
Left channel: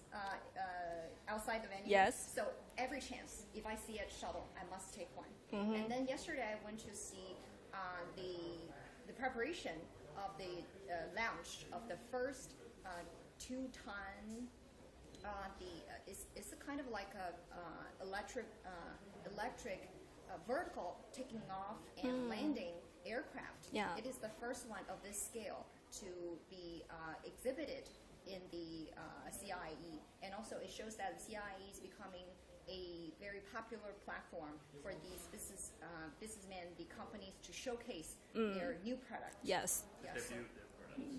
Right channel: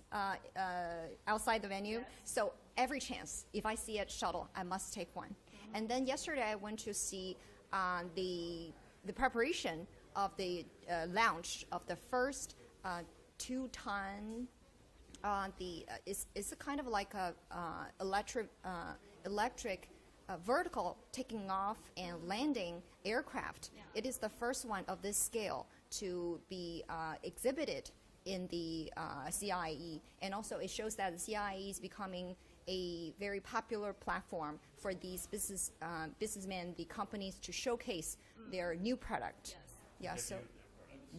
outside the venue. Yes. So every chance, if I see a shuttle, I must take one. And then yesterday I went to see the preparation of the launch of the first 2-ton. It's a kind of like a electric vertical taking off and landing aircraft. Yeah. It is the first one of this scale to be exhibited in the CIIE, and also it shows that the CIIE is becoming a very popular platform for these businessmen, the companies, to showcase their new product. Yes. Yeah. So.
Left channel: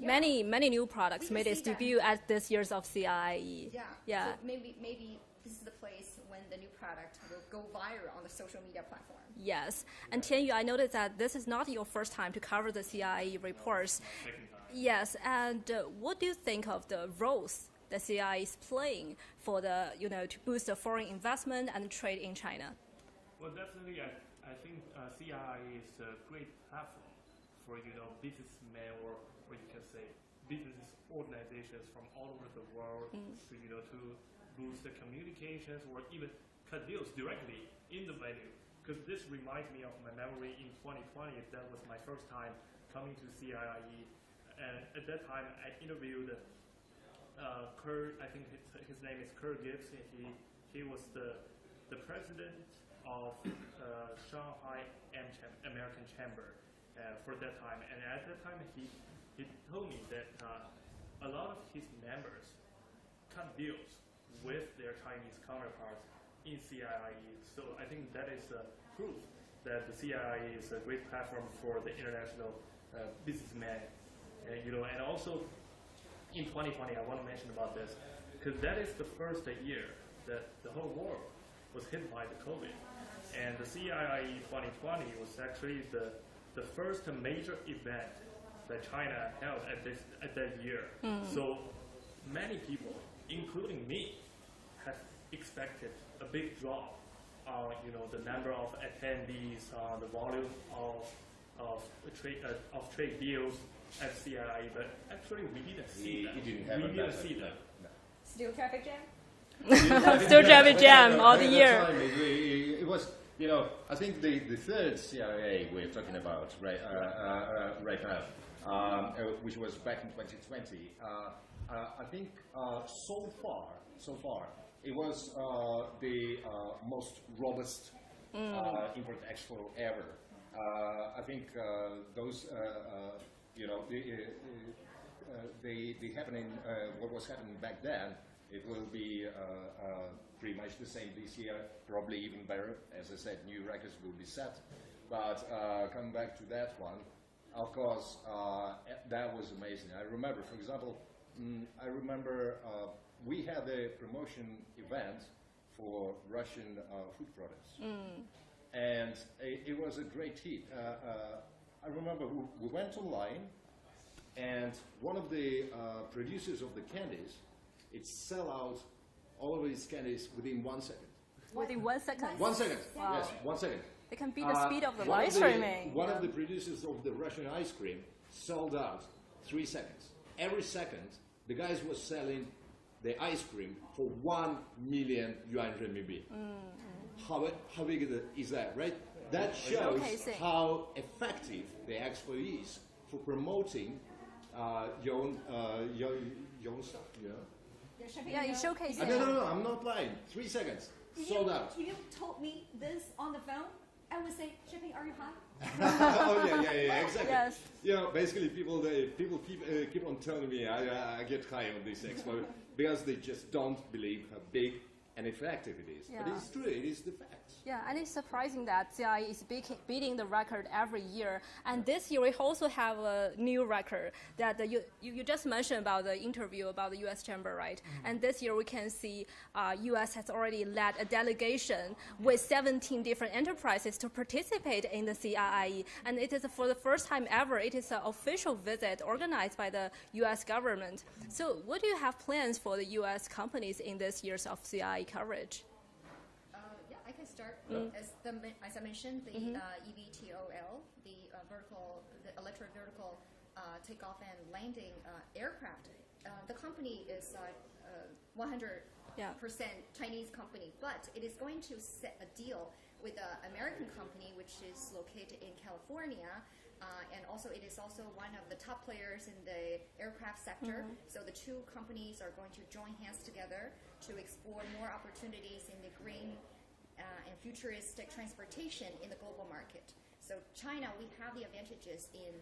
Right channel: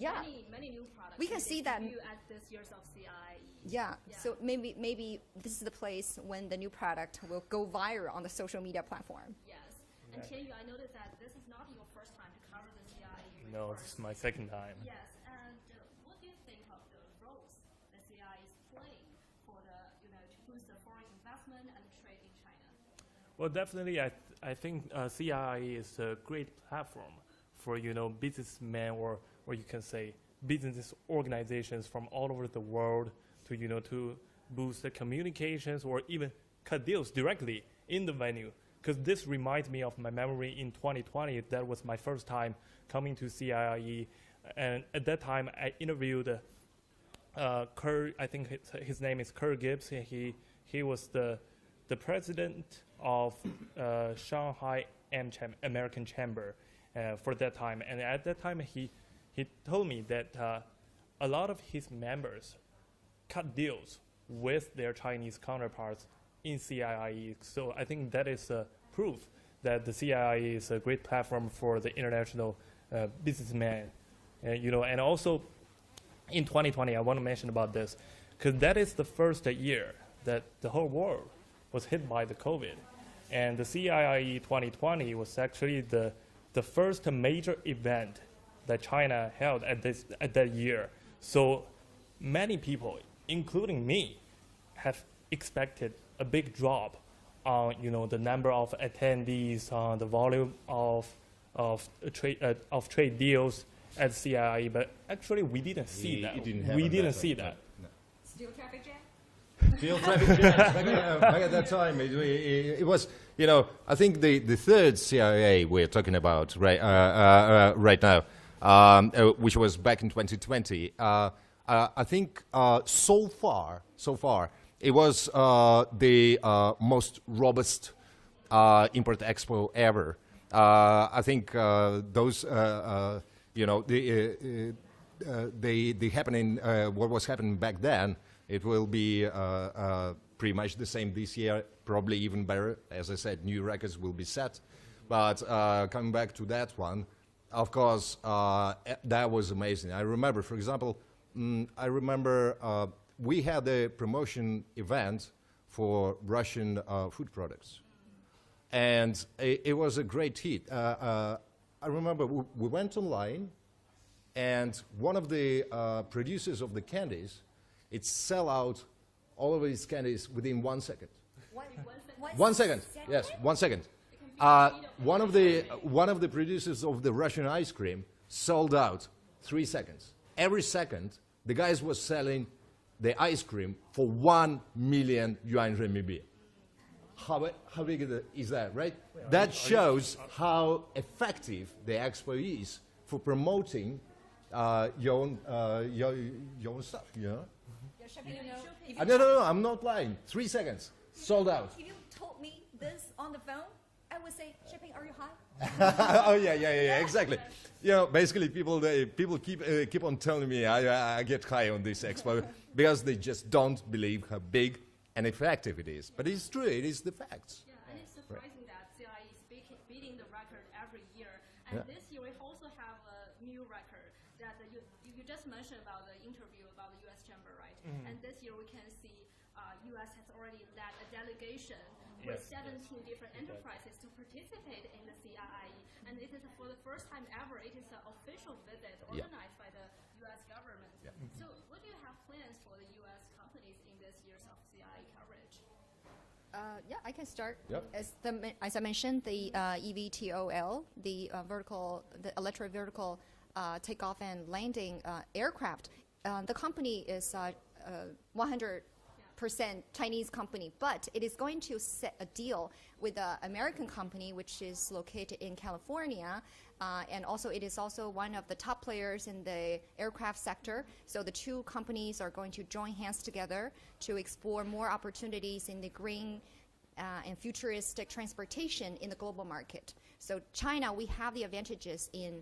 Many new products We can made its see that. debut at this year's of CIIE. Yeah. So maybe this is the place when the new product will go viral on the social media platform. Yes. And Tianyu, I noticed that this is not your first time to cover the CIIE No, reports. it's my second time. Yes. And what do you think of the roles the CIIE is playing for the, to boost the foreign investment and trade in China? Well, definitely, I think CIIE is a great platform for businessmen or you can say business organizations from all over the world to to boost the communications or even cut deals directly in the venue. Because this reminds me of my memory in 2020. That was my first time coming to CIIE, and at that time I interviewed Kerr. I think his name is Kerr Gibbs. And he was the president of Shanghai American Chamber for that time, and at that time he told me that a lot of his members cut deals with their Chinese counterparts in CIIE. So I think that is proof that the CIIE is a great platform for the international businessmen. And also in 2020, I want to mention about this, because that is the first year that the whole world was hit by the COVID. And the CIIE 2020 was actually the first major event that China held at that year. So many people, including me, have expected a big drop on the number of attendees, the volume of trade deals at CIIE, but actually we didn't see that. We didn't see that. Still traffic jam? Still traffic jam all the At year. that time, it was, I think the third CIIE we're talking about right now, which was back in 2020. I think so far, it was the most robust import expo ever. I think those, the happening, what was happening back then, it will be pretty much the same this year, probably even better. As I said, new records will be set. But coming back to that one, of course, that was amazing. I remember, for example, we had a promotion event for Russian food products. And it was a great hit. I remember we went online, and one of the producers of the candies, it sell out all of his candies within 1 second. Within 1 second. 1 second, Wow. yes, 1 second. It can be the speed of the light streaming. One of the producers of the Russian ice cream sold out 3 seconds. Every second, the guys was selling the ice cream for 1 million yuan renminbi. How big is that, right? That shows how effective the expo is for promoting your own stuff. Yeah, you showcase it. No, I'm not lying. 3 seconds, sold out. If you told me this on the phone, I would say, shipping, are you high? Oh yeah, exactly. Yes. Basically, people keep on telling me I get high on this expo because they just don't believe how big and effective it is. But Yeah. it's true, it is the facts. Yeah, and it's surprising that CIIE is beating the record every year. And this year we also have a new record that you just mentioned about the interview about the U.S. Chamber, right? And this year we can see U.S. has already led a delegation with 17 different enterprises to participate in the CIIE. And it is for the first time ever, it is an official visit organized by the U.S. government. So what do you have plans for the U.S. companies in this year's of CIIE coverage? Yeah, I can start. As I mentioned, the eVTOL, the electric vertical takeoff and landing aircraft. The company is 100% Chinese company, but it is going to set a deal with an American company which is located in California. And also, it is also one of the top players in the aircraft sector. So the two companies are going to join hands together to explore more opportunities in the green and futuristic transportation in the global market. So China, we have the advantages in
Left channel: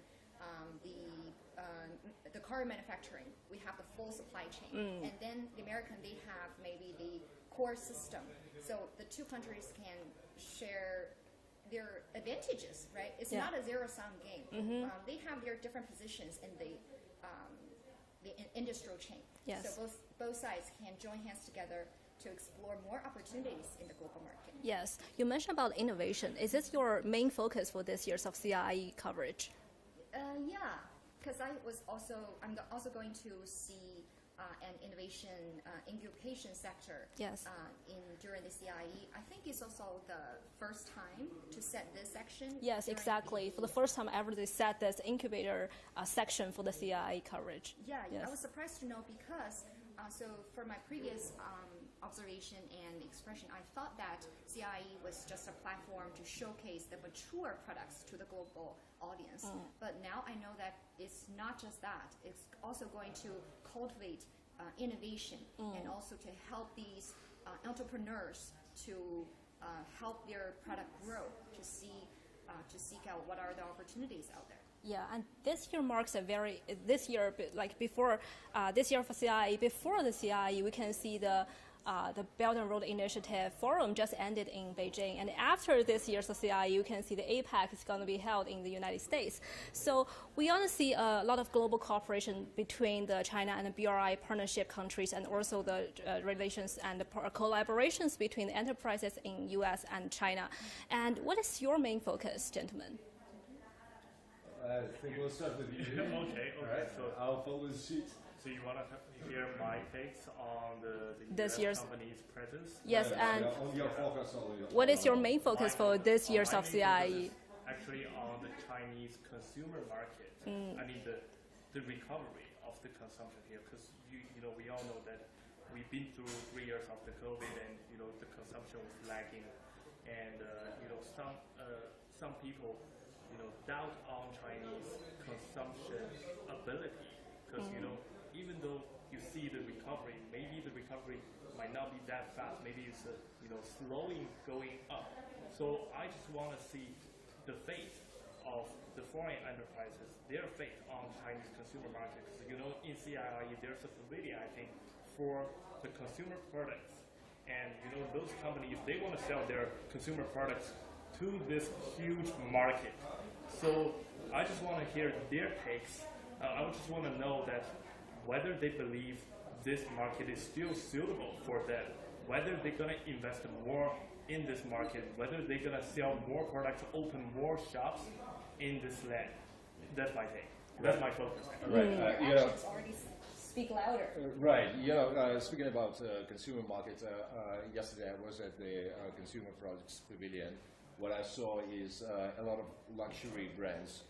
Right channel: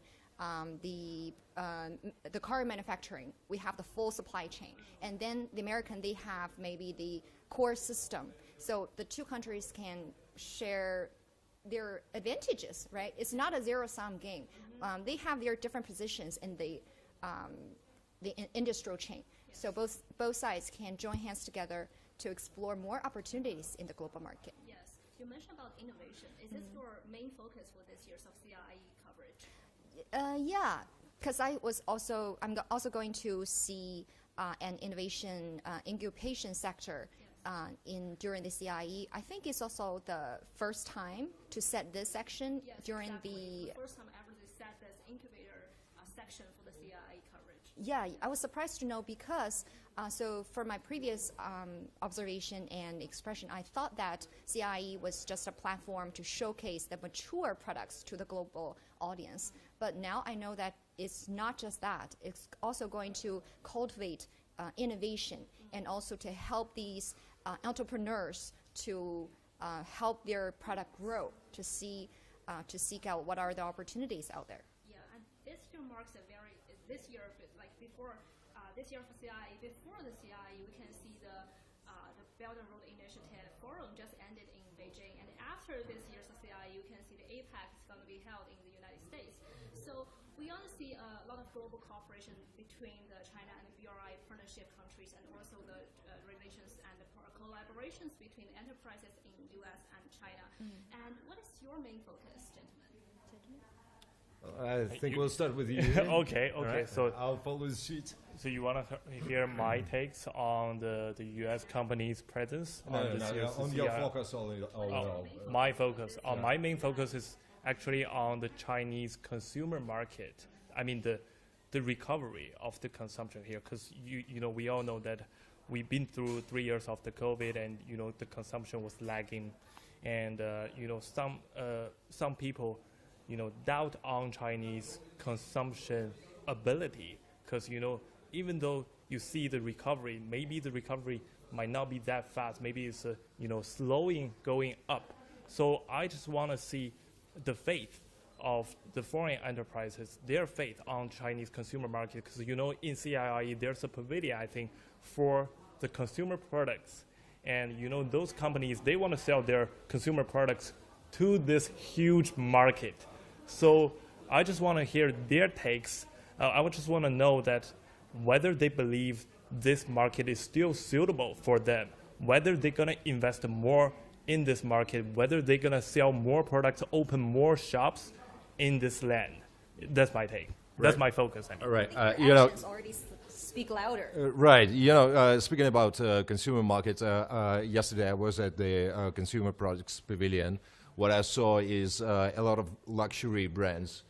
the car manufacturing. We have the full supply chain. And then the American, they have maybe the core system. So the two countries can share their advantages, right? It's not a zero-sum game. They have their different positions in the industrial chain. Yes. So both sides can join hands together to explore more opportunities in the global market. Yes, you mentioned about innovation. Is this your main focus for this year's of CIIE coverage? Yeah, because I'm also going to see an innovation incubation sector during the CIIE. I think it's also the first time to set this section. Yes, exactly. For the first time ever, they set this incubator section for the CIIE coverage. Yeah, yes. I was surprised to know because so for my previous observation and expression, I thought that CIIE was just a platform to showcase the mature products to the global audience. But now I know that it's not just that. It's also going to cultivate innovation and also to help these entrepreneurs to help their product grow, to seek out what are the opportunities out there. Yeah, and this year marks a very, this year for CIIE, before the CIIE, we can see the Belt and Road Initiative Forum just ended in Beijing. And after this year's CIIE, you can see the APEC is going to be held in the United States. So we want to see a lot of global cooperation between the China and the BRI partnership countries, and also the relations and the collaborations between the enterprises in US and China. And what is your main focus, gentlemen? I think we'll start with you. Okay. Right? So I'll follow the sheet. So you want to hear my takes on the US company's presence? Yes, and on your focus. What is your main focus for this year's of CIIE? My main focus is actually on the Chinese consumer market. I mean the recovery of the consumption here, because we all know that we've been through 3 years of the COVID, and the consumption was lagging, and some people doubt on Chinese consumption ability, because even though you see the recovery, maybe the recovery might not be that fast. Maybe it's slowing, going up. So I just want to see the faith of the foreign enterprises, their faith on Chinese consumer market, because in CIIE there's a pavilion, I think, for the consumer products, and those companies, they want to sell their consumer products to this huge market. So I just want to hear their takes. I would just want to know that whether they believe this market is still suitable for them, whether they're going to invest more in this market, whether they're going to sell more products, open more shops in this land. That's my take. Right. That's my focus. Right. Actions already speak louder. Right. Speaking about consumer market, yesterday I was at the Consumer Products Pavilion. What I saw is a lot of luxury brands.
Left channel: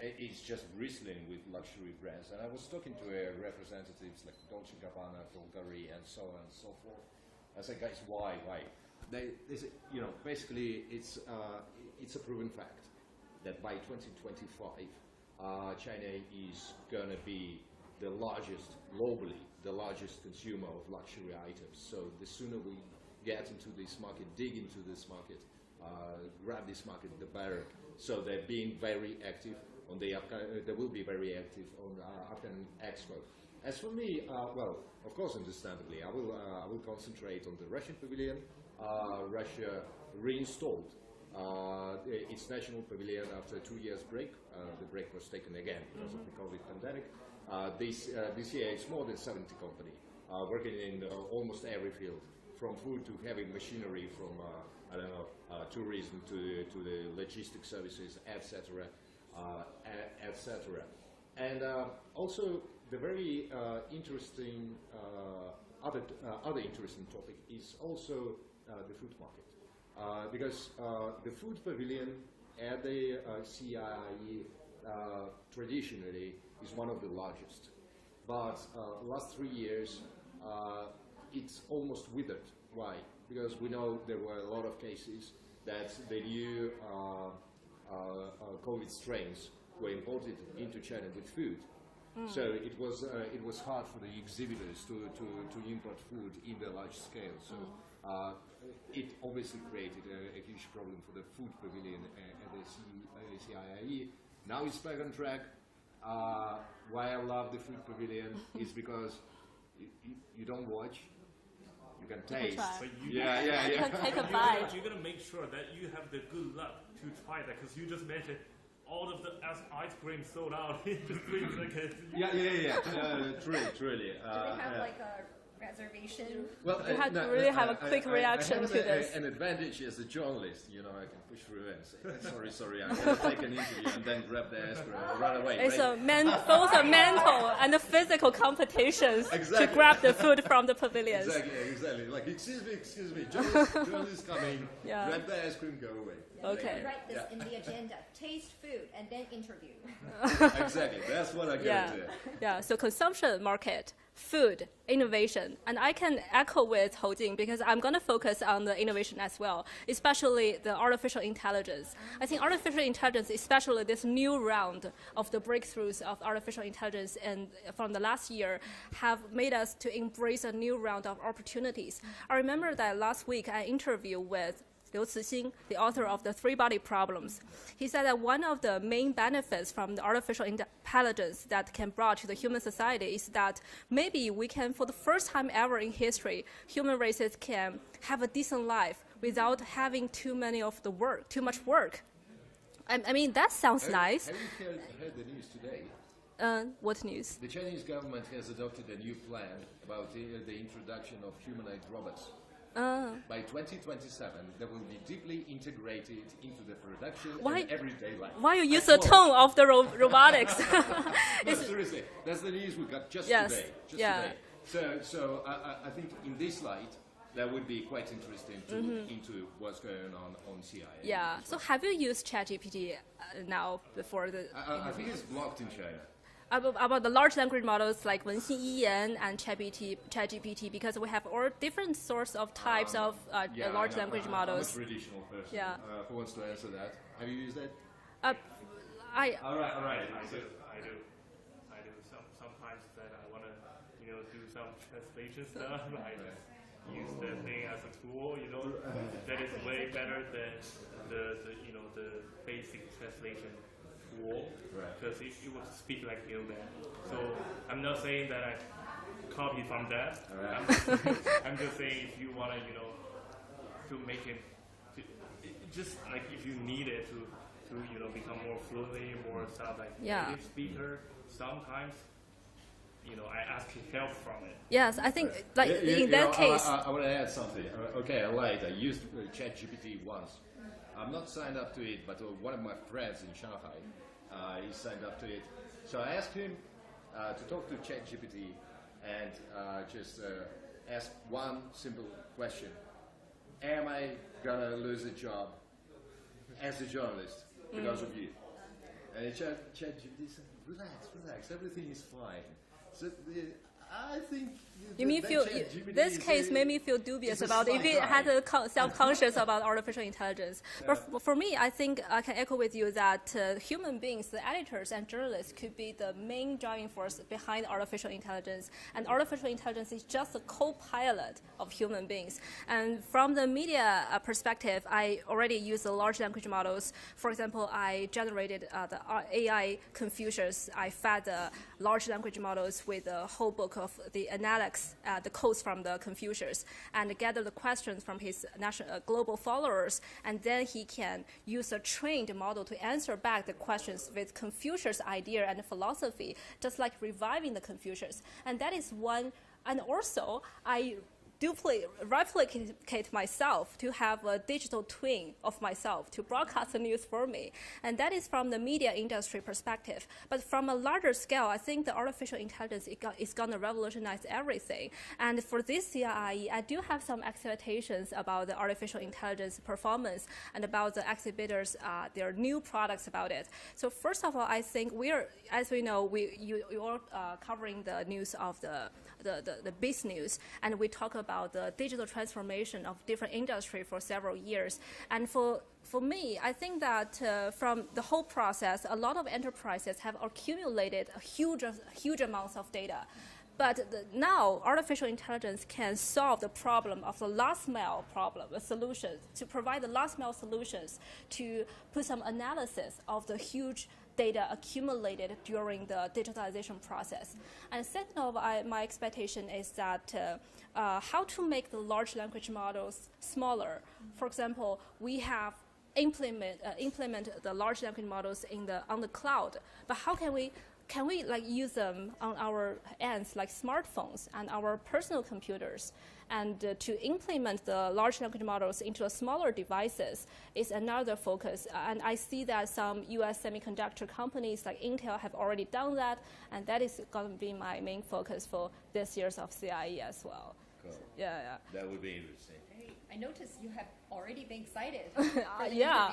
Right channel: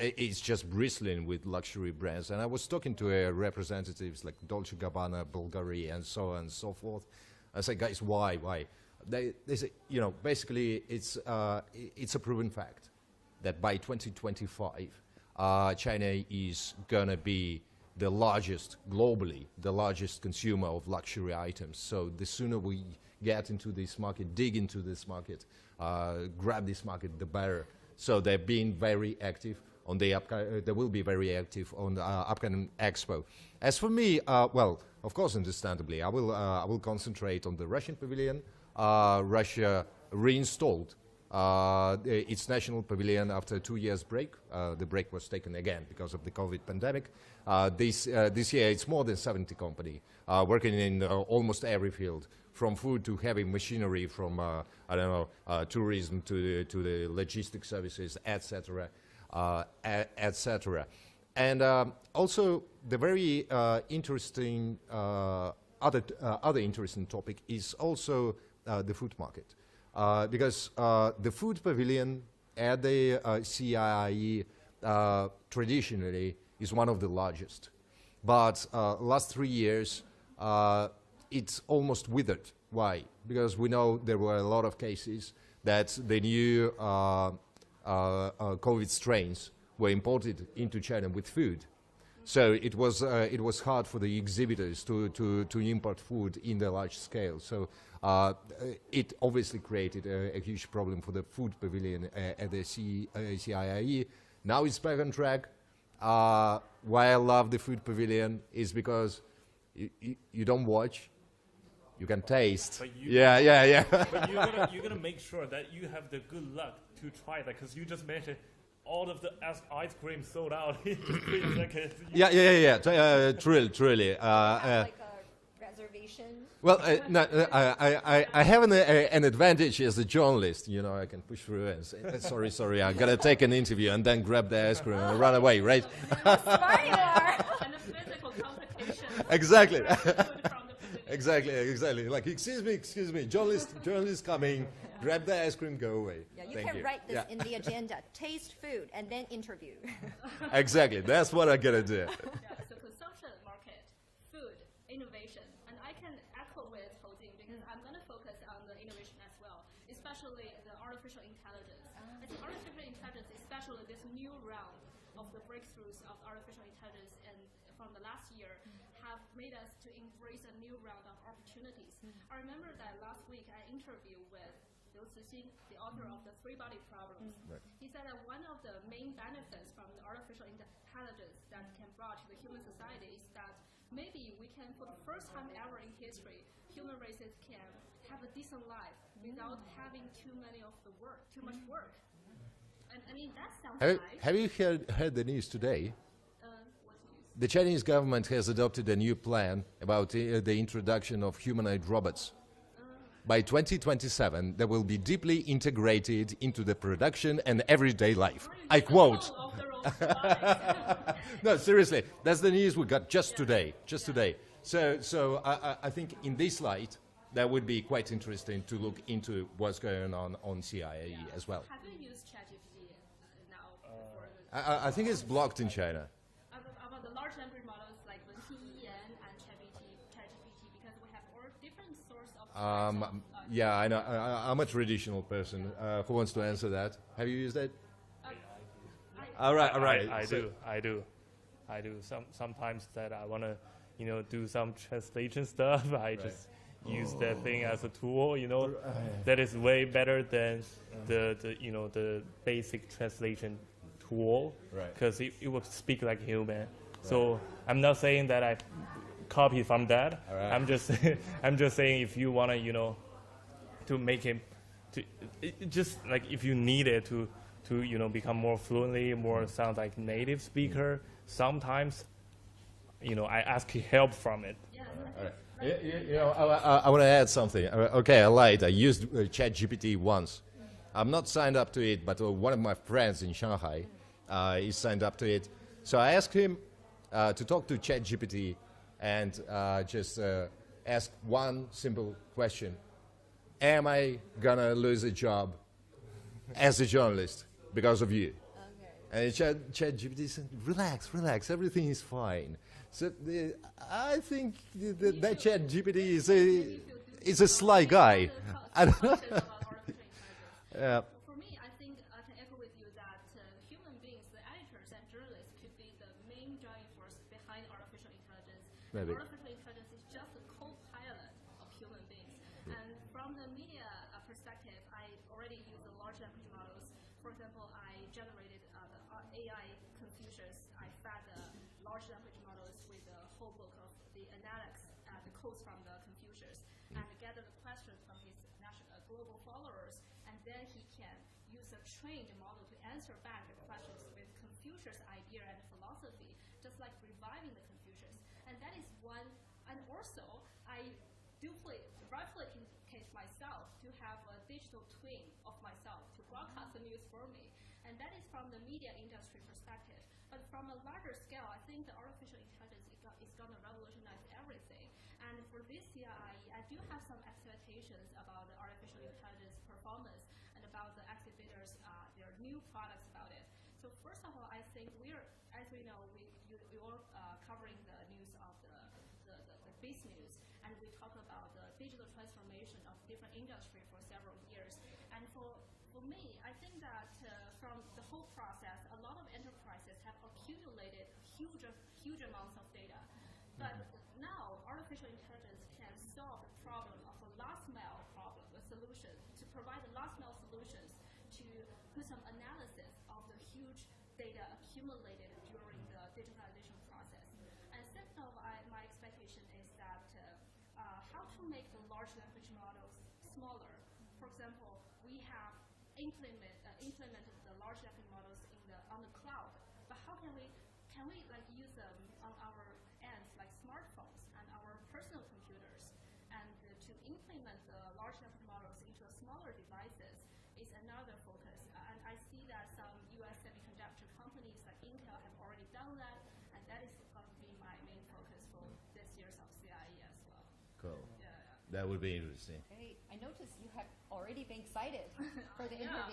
It's just bristling with luxury brands. And I was talking to representatives like Dolce & Gabbana, Bulgari, and so on and so forth. I said, guys, why? They say, basically it's a proven fact that by 2025, China is going to be the largest, globally, the largest consumer of luxury items. So the sooner we get into this market, dig into this market, grab this market, the better. So they're being very active on the they will be very active on the upcoming expo. As for me, well, of course, understandably, I will concentrate on the Russian pavilion. Russia reinstalled its national pavilion after a 2 years break. The break was taken again because of the COVID pandemic. This year, it's more than 70 companies working in almost every field, from food to heavy machinery, from tourism to the logistics services, etc., etc. And also, the very interesting other interesting topic is also the food market, because the food pavilion at the CIIE traditionally is one of the largest, but last 3 years it's almost withered. Why? Because we know there were a lot of cases that the new COVID strains were imported into China with food. So it was hard for the exhibitors to import food in the large scale. So It obviously created a huge problem for the food pavilion at the CIIE. Now it's back on track. Why I love the food pavilion is because you don't watch, you can taste. Yeah. You're gonna make sure that you have the good luck to try that, because you just mentioned all of the ice cream sold out. Truly. Like a reservation. Well, I have an an advantage as a journalist. You know, I can push through and say, sorry, I gotta take an interview and then grab the ice cream and run away, right? Both a mental and a physical competitions Exactly. to grab the food from the pavilion. Exactly. Like, excuse me, journalist coming, Yeah. grab the ice cream, go away. Yeah, you Thank can write this in the agenda. Taste food and then interview. Exactly, that's what I gotta do. Yeah, so consumption market, food, innovation. And I can echo with Hou Jing because I'm going to focus on the innovation as well, especially the artificial intelligence. I think artificial intelligence, especially this new round of the breakthroughs of artificial intelligence and from the last year, have made us to embrace a new round of opportunities. I remember that last week I interviewed with Liu Cixin, the author of the Three-Body Problems. He said that one of the main benefits from the artificial intelligence that can brought to the human society is that maybe we can, for the first time ever in history, human races can have a decent life without having too much work. I mean, that sounds nice. Have you heard the news today? What news? The Chinese government has adopted a new plan about the introduction of humanoid robots. By 2027, they will be deeply integrated into the production and everyday life. Why you use the tone of the robotics? No, seriously, that's the news we got just today. Yeah. Today. So I think in this light, that would be quite interesting to look into what's going on CIIE as well. So have you used ChatGPT now before the? I think it's blocked in China. About the large language models like Nanjing Road and ChatGPT, because we have all different sorts of types of the large language models. I'm a traditional person. Yeah. Who wants to answer that? Have you used it? All right. I do. Sometimes that I want to, do some translation stuff. I just use that thing as a tool. That is way better than the basic translation tool, because it will speak like human. So I'm not saying that I copy from that. I'm just saying if you want to, to make him, just like if you need it to become more fluently, more sound like native speaker. Sometimes, I ask help from it. Yes, I think in that case. I want to add something. Okay, I lied. I used ChatGPT once. I'm not signed up to it, but one of my friends in Shanghai is signed up to it. So I asked him to talk to ChatGPT and just ask one simple question. Am I going to lose a job as a journalist because of you? And ChatGPT said, relax, everything is fine. So I think ChatGPT this case made me feel dubious it's a about sly if guy. you had self-conscious about artificial intelligence. But for me, I think I can echo with you that human beings, the editors and journalists, could be the main driving force behind artificial intelligence. And artificial intelligence is just a co-pilot of human beings. And from the media perspective, I already use the large language models. For example, I generated the AI Confucius. I fed the large language models with a whole book of the analytics, the codes from the Confucius, and gather the questions from his global followers, and then he can use a trained model to answer back the questions with Confucius' idea and philosophy, just like reviving the Confucius. And that is one, and also I replicate myself to have a digital twin of myself to broadcast the news for me. And that is from the media industry perspective. But from a larger scale, I think the artificial intelligence is going to revolutionize everything. And for this CIIE, I do have some expectations about the artificial intelligence performance and about the exhibitors, their new products about it. So first of all, I think as we know, you are covering the news of the biz news, and we talk about the digital transformation of different industry for several years. And for me, I think that from the whole process, a lot of enterprises have accumulated huge amounts of data. But now artificial intelligence can solve the problem of the last mile problem, a solution, to provide the last mile solutions, to put some analysis of the huge data accumulated during the digitalization process. And second of my expectation is that how to make the large language models smaller. For example, we have implement the large language models on the cloud, but how can we like use them on our ends, like smartphones and our personal computers? And to implement the large language models into smaller devices is another focus. And I see that some US semiconductor companies like Intel have already done that, and that is going to be my main focus for this year's of CIIE as well. Cool. Yeah. That would be interesting. I noticed you have already been excited. Yeah.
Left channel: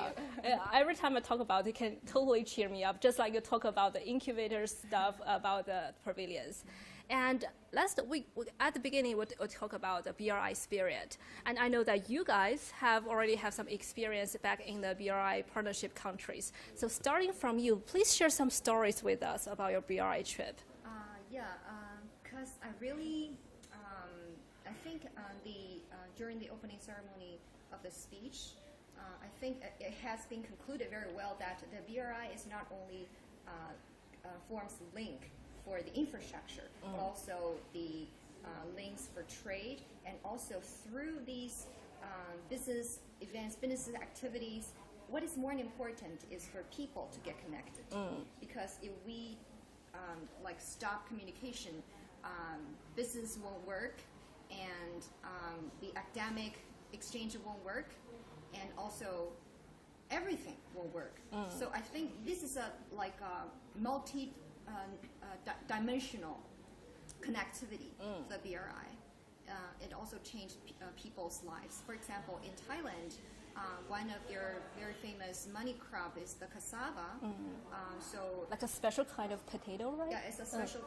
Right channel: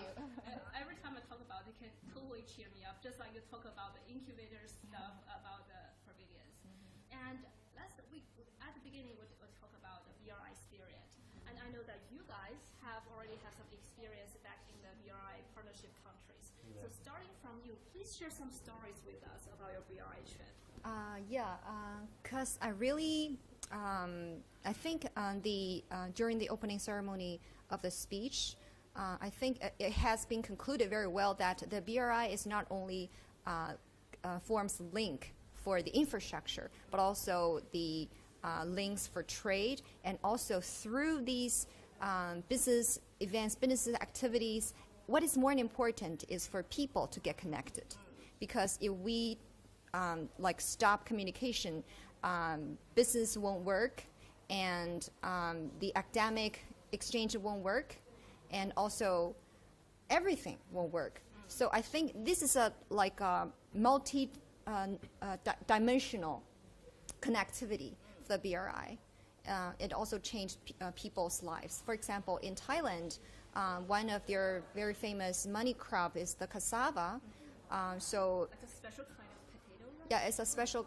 Every time I talk about it, can totally cheer me up, just like you talk about the incubator stuff about the pavilions. And at the beginning, we'll talk about the BRI spirit. And I know that you guys already have some experience back in the BRI partnership countries. So starting from you, please share some stories with us about your BRI trip. Because I really, I think during the opening ceremony of the speech, I think it has been concluded very well that the BRI is not only forms link for the infrastructure, but also the links for trade, and also through these business events, business activities, what is more important is for people to get connected. Because if we stop communication, business won't work, and the academic exchange won't work, and also everything won't work. So I think this is a multi-dimensional connectivity for the BRI. It also changed people's lives. For example, in Thailand, one of their very famous money crop is the cassava. So like a special kind of potato, right? Yeah, it's a special.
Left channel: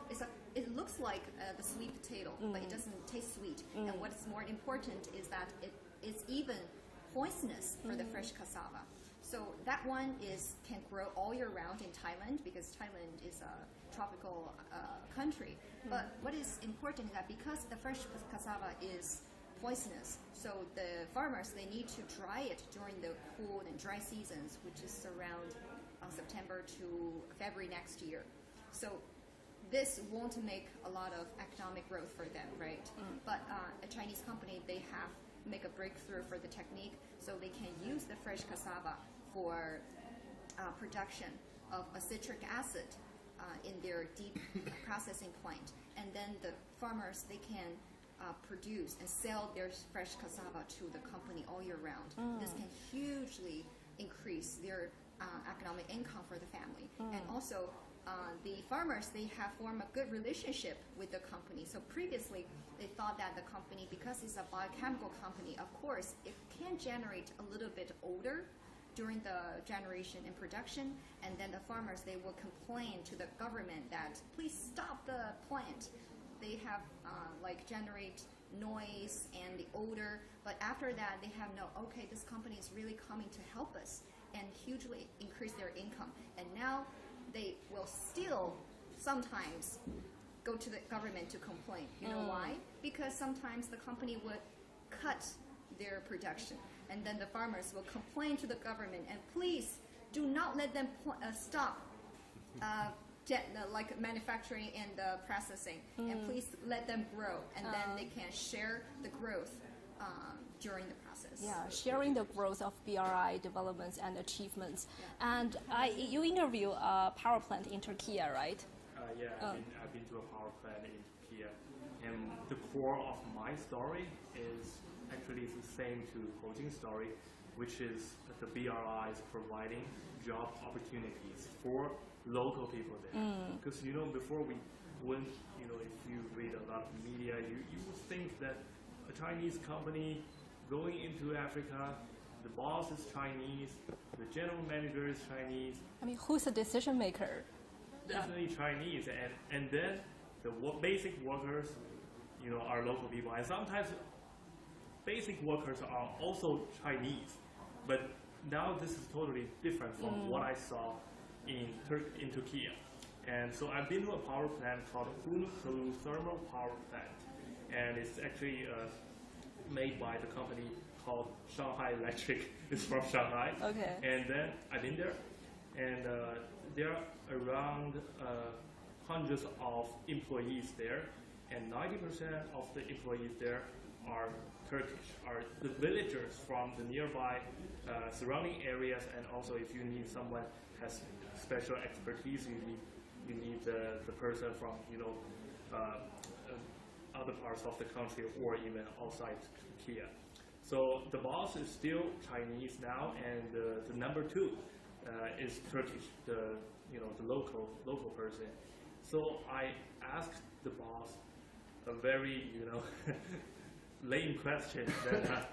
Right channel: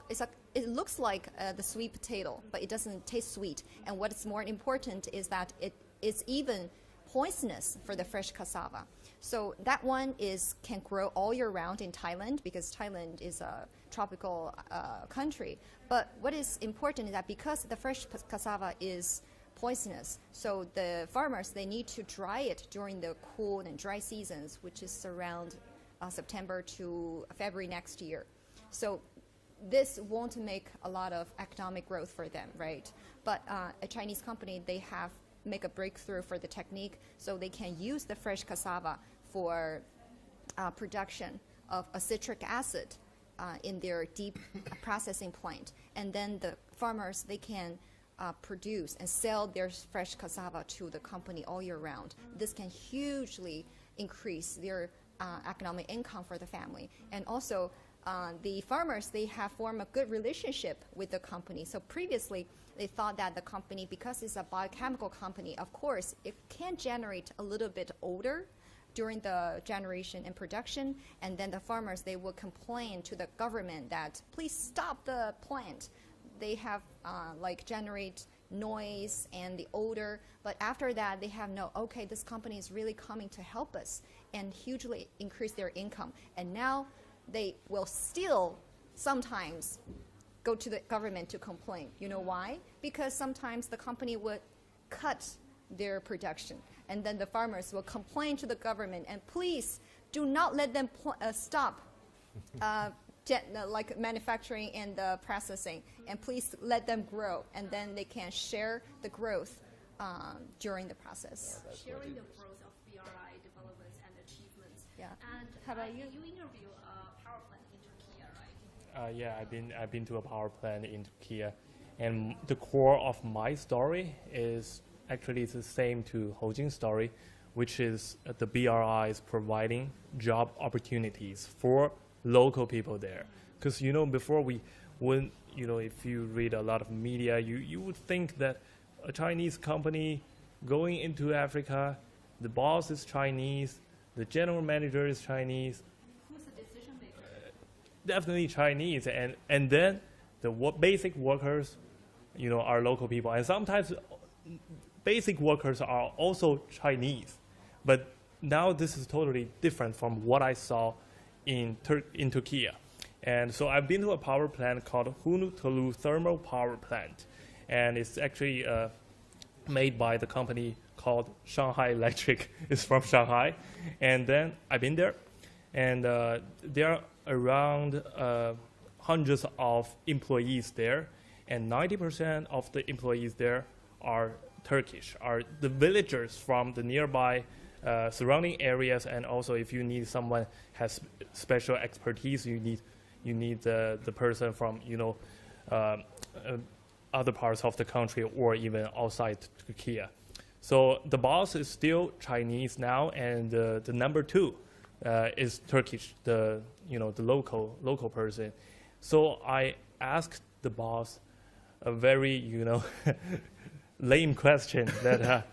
It looks like the sweet potato, but it doesn't taste sweet. And what's more important is that it's even poisonous for the fresh cassava. So that one can grow all year round in Thailand, because Thailand is a tropical country. But what is important is that because the fresh cassava is poisonous, so the farmers, they need to dry it during the cool and dry seasons, which is around September to February next year. So this won't make a lot of economic growth for them, right? But a Chinese company, they have make a breakthrough for the technique, so they can use the fresh cassava for production of a citric acid in their deep processing plant. And then the farmers, they can produce and sell their fresh cassava to the company all year round. This can hugely increase their economic income for the family. And also, the farmers, they have formed a good relationship with the company. So previously, they thought that the company, because it's a biochemical company, of course, it can generate a little bit odor during the generation and production, and then the farmers, they will complain to the government that please stop the plant. They have generate noise and the odor, but after that they have okay, this company is really coming to help us, and hugely increase their income. And now they will still sometimes go to the government to complain. You know why? Because sometimes the company would cut their production, and then the farmers will complain to the government, and please do not let them stop manufacturing and the processing, and please let them grow, and then they can share the growth during the process. Yeah, sharing the growth of BRI developments and achievements. Yeah. And you interview a power plant in Turkey, right? Yeah, I've been to a power plant in Turkey, and the core of my story is actually the same to Ho Jing's story, which is the BRI is providing job opportunities for local people there. Because before if you read a lot of media, you would think that a Chinese company going into Africa, the boss is Chinese, the general manager is Chinese. I mean, who's the decision maker? Definitely Chinese, and then the basic workers, are local people, and sometimes basic workers are also Chinese. But now this is totally different from what I saw in Turkey. And so I've been to a power plant called Hunutulu Thermal Power Plant, and it's actually made by the company called Shanghai Electric. It's from Shanghai. Okay. And then I've been there, and there are around hundreds of employees there, and 90% of the employees there are Turkish, are the villagers from the nearby surrounding areas, and also if you need someone has special expertise, you need the person from other parts of the country or even outside Turkey. So the boss is still Chinese now, and the number two is Turkish, the local person. So I asked the boss a very lame question that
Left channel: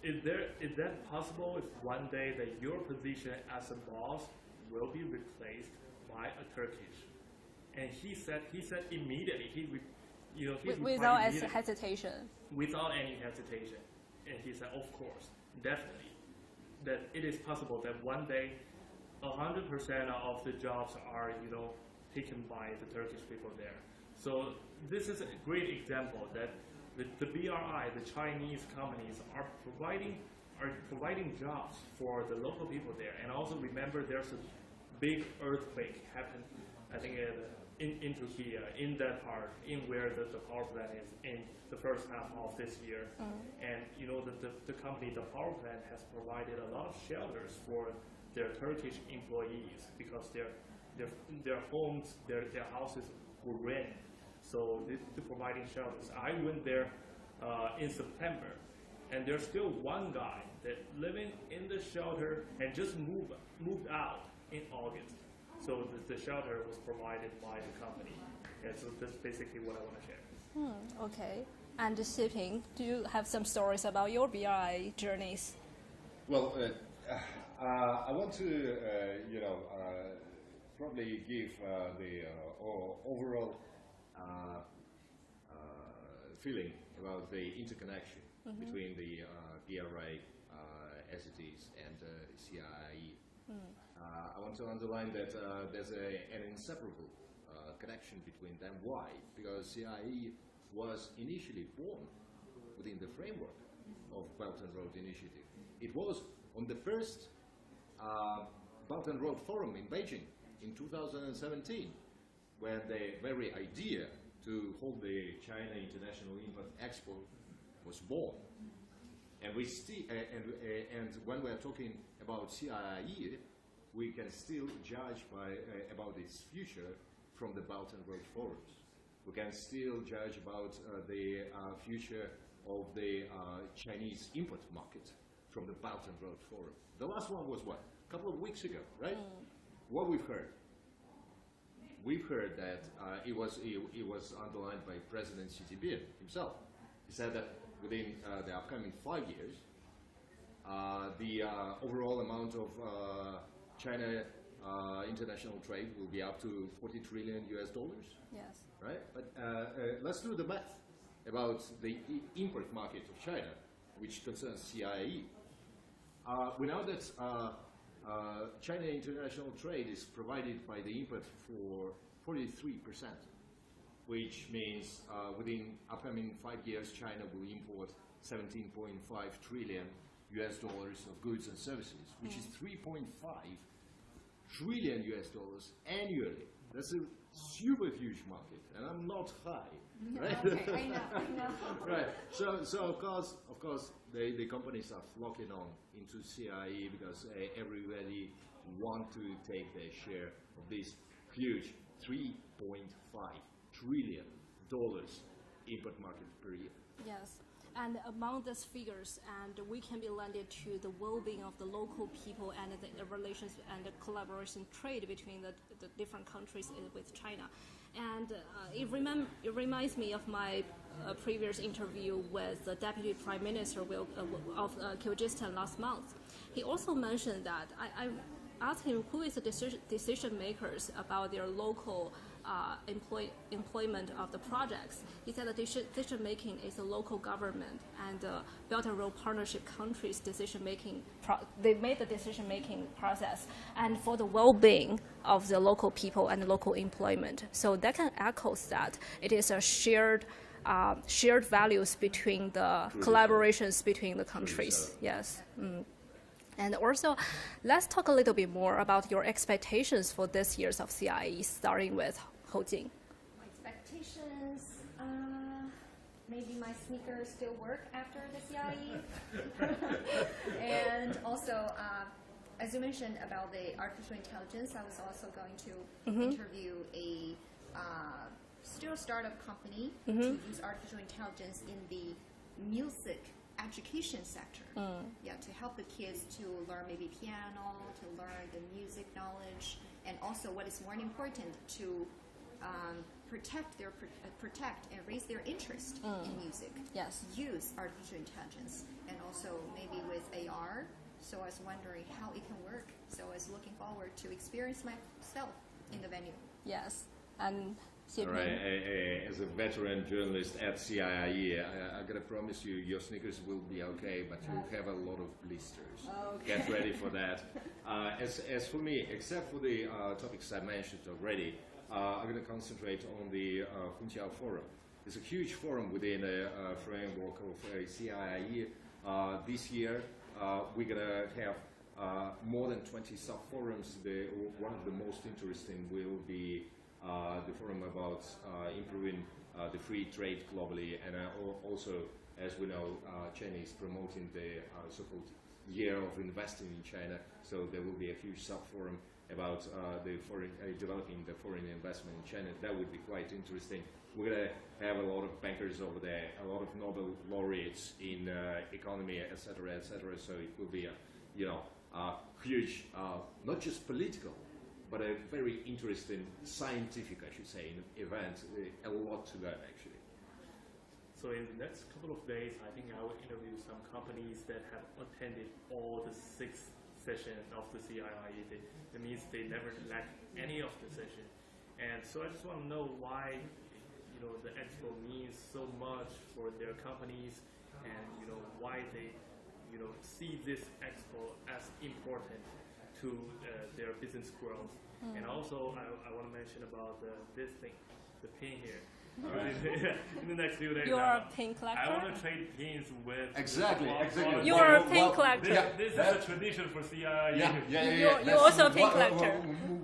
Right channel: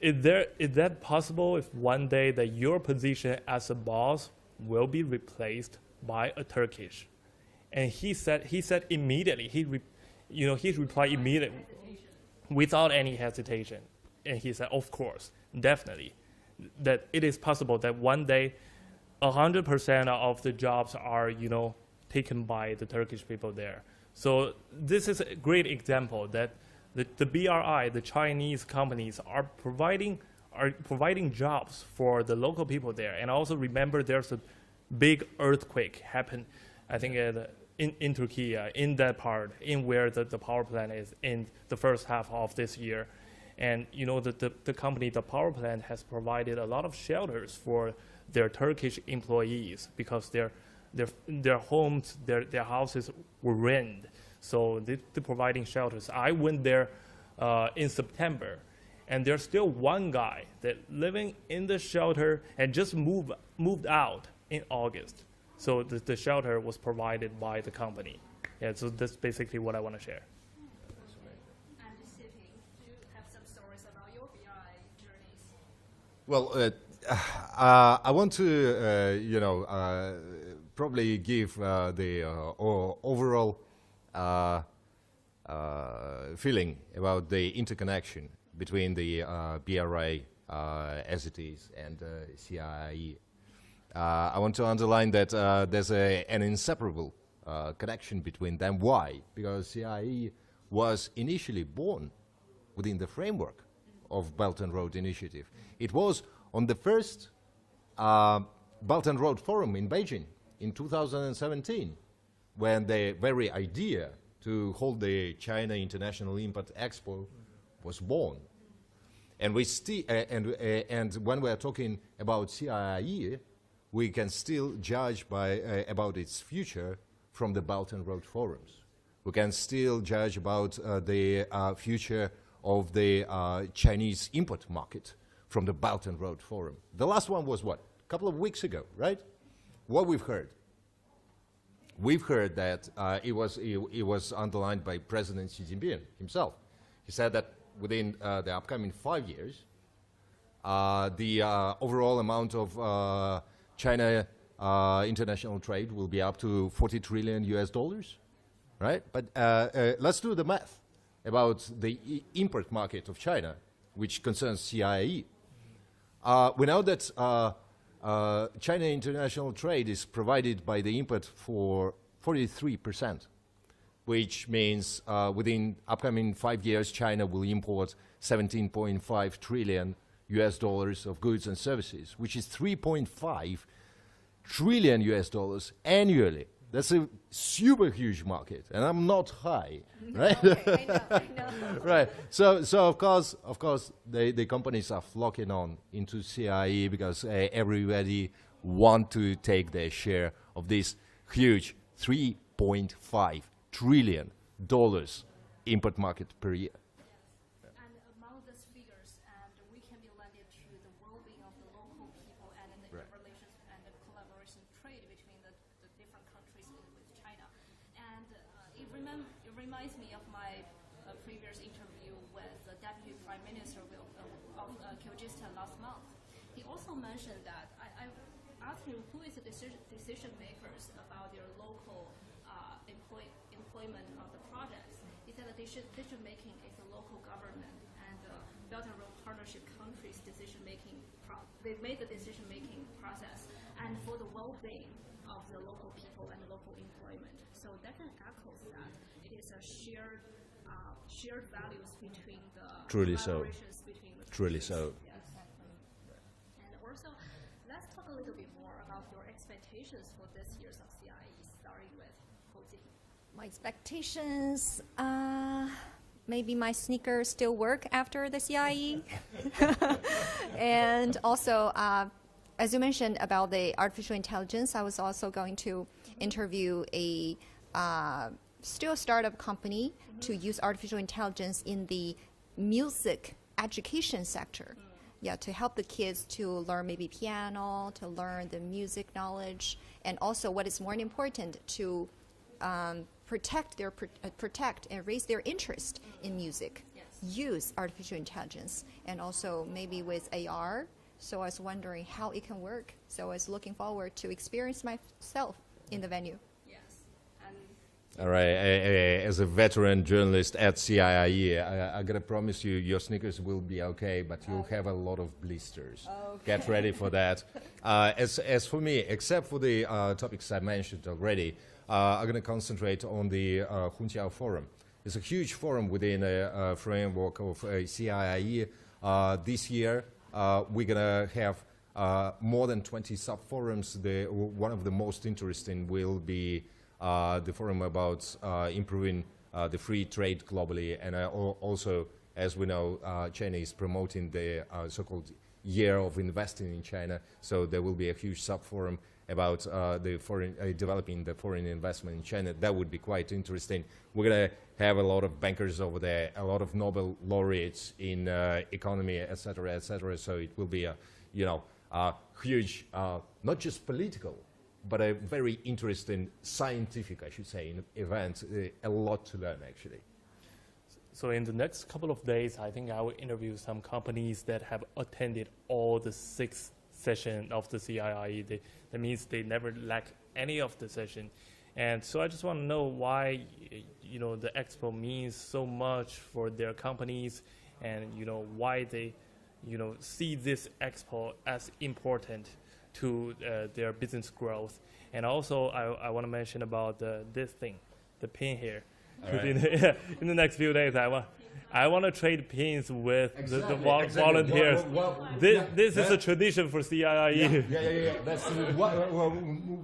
is that possible if one day that your position as a boss will be replaced by a Turkish? And he said immediately he replied immediately hesitation. Without any hesitation. And he said, of course, definitely, that it is possible that one day 100% of the jobs are taken by the Turkish people there. So this is a great example that the BRI, the Chinese companies, are providing jobs for the local people there. And also remember, there's a big earthquake happened, I think, in Turkey, in that part, in where the power plant is in the first half of this year. And the company, the power plant, has provided a lot of shelters for their Turkish employees because their homes, their houses were ruined. So they're providing shelters. I went there in September, and there's still one guy that living in the shelter and just moved out in August. So the shelter was provided by the company. Yeah, so that's basically what I want to share. Okay. And Xiping, do you have some stories about your BRI journeys? Well, I want to, probably give the overall feeling about the interconnection between the BRI as it is and CIIE. I want to underline that there's an inseparable connection between them. Why? Because CIIE was initially born within the framework of Belt and Road Initiative. It was on the first Belt and Road Forum in Beijing in 2017, when the very idea to hold the China International Import Expo was born. And we and when we are talking about CIIE, we can still judge about its future from the Belt and Road Forums. We can still judge about the future of the Chinese import market from the Belt and Road Forum. The last one was what? A couple of weeks ago, right? What we've heard? We've heard that it was underlined by President Xi Jinping himself. He said that within the upcoming 5 years, the overall amount of China international trade will be up to $40 trillion US. Yes. Right? But let's do the math about the import market of China, which concerns CIIE. We know that China international trade is provided by the import for 43%, which means within upcoming 5 years, China will import $17.5 trillion US of goods and services, which is $3.5 trillion US annually. That's a super huge market, and I'm not high, right? I know. Right. So of course, the companies are flocking on into CIIE because everybody want to take their share of this huge $3.5 trillion import market per year. Yes, and among these figures, and we can be landed to the well-being of the local people and the relations and the collaboration trade between the different countries with China. And it reminds me of my previous interview with the Deputy Prime Minister of Kyrgyzstan last month. He also mentioned that I asked him who is the decision makers about their local employment of the projects. He said that decision making is the local government and the Belt and Road Partnership countries' decision making. They made the decision making process, and for the well-being of the local people and local employment. So that can echo that it is a shared values between the Truly collaborations so. between the Truly countries. so. Yes. And also, let's talk a little bit more about your expectations for this year's of CIIE, starting with Hojing. My expectations, maybe my sneakers still work after the CIIE. And also, as you mentioned about the artificial intelligence, I was also going to interview a still a startup company to use artificial intelligence in the music education sector. Yeah, to help the kids to learn maybe piano, to learn the music knowledge, and also what is more important, to protect and raise their interest in music. Yes. Use artificial intelligence, and also maybe with AR. So I was wondering how it can work. So I was looking forward to experience myself in the venue. Yes. And All right, as a veteran journalist at CIIE, I gotta promise you, your sneakers will be okay, but you'll have a lot of blisters. Get ready for that. As for me, except for the topics I mentioned already, I'm gonna concentrate on the Hunqiao Forum. It's a huge forum within a framework of CIIE. This year, we're gonna have more than 20 sub-forums. One of the most interesting will be the forum about improving the free trade globally, and also, as we know, China is promoting the so-called year of investing in China, so there will be a huge sub-forum about the developing the foreign investment in China. That would be quite interesting. We're going to have a lot of bankers over there, a lot of Nobel laureates in economy, etc., so it will be a huge, not just political, but a very interesting scientific, I should say, event. A lot to learn, actually. So in the next couple of days, I think I will interview some companies that have attended all the 6 sessions of the CIIE. That means they never lack any of the session. And so I just want to know why, the expo means so much for their companies, and why they, see this expo as important to their business growth. And also, I want to mention about this thing, the pin here. Right. In the next few days, I want to trade pins with the volunteers. You are a pin collector. This is a tradition for CIIE. You're also a pin collector.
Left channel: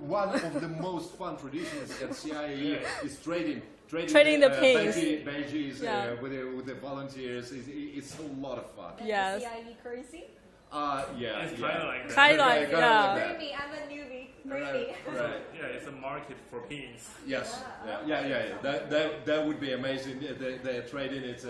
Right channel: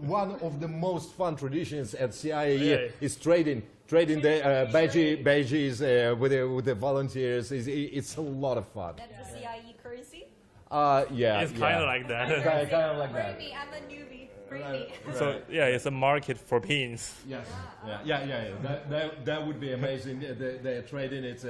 One of the most fun traditions at CIIE is trading the badges with the volunteers. It's a lot of fun. Yes. CIIE currency? Yeah. It's kind of like that. Kind of like that. Maybe I'm a newbie. Maybe. So yeah, it's a market for pins. Yes. Yeah. That would be amazing. They're trading it,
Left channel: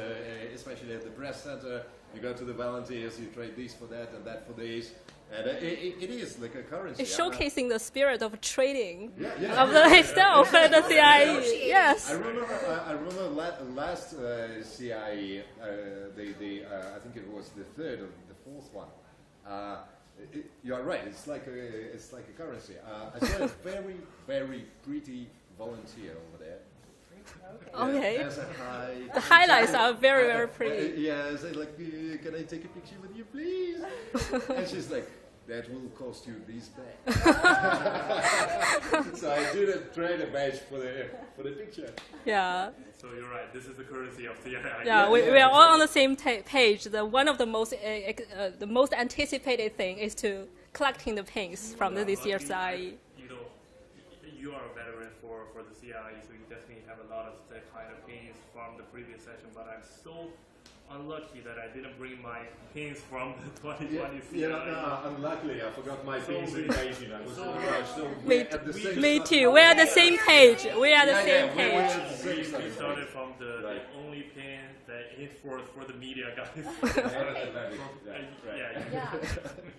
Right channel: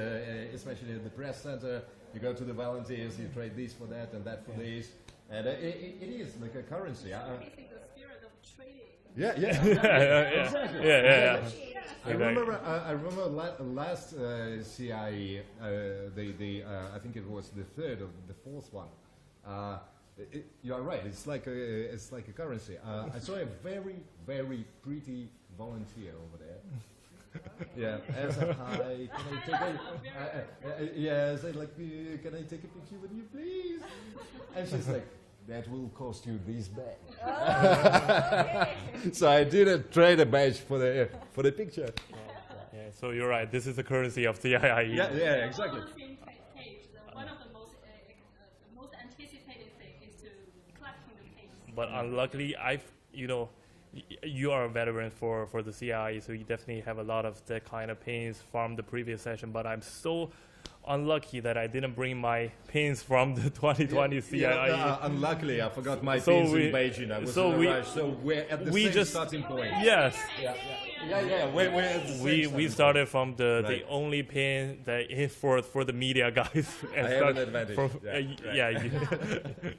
especially at the press center. You go to the volunteers, you trade this for that and that for this. And it is like a currency. It's showcasing the spirit of trading of the itself at the CIIE. Yes. I remember last CIIE, I think it was the 3rd or the 4th one. You are right. It's like a currency. I saw a very, very pretty volunteer over there. Okay. There's a The highlights are very, very pretty. Yeah, I said like, can I take a picture with you, please? And she's like, that will cost you this badge. So I didn't trade a badge for the picture. Yeah. So you're right. This is the currency of CIIE. Yeah, we are all on the same page. One of the most anticipated thing is to collecting the pins from this year's CIIE. You are a veteran for the CIIE, so you definitely have a lot of that kind of pins from the previous session. But I'm so unlucky that I didn't bring my pins from the 2020 CIIE. Unluckily, I forgot my pins in Beijing. Me too. We're at the same page. We are the same page. We started from the only pin that is for the media guys.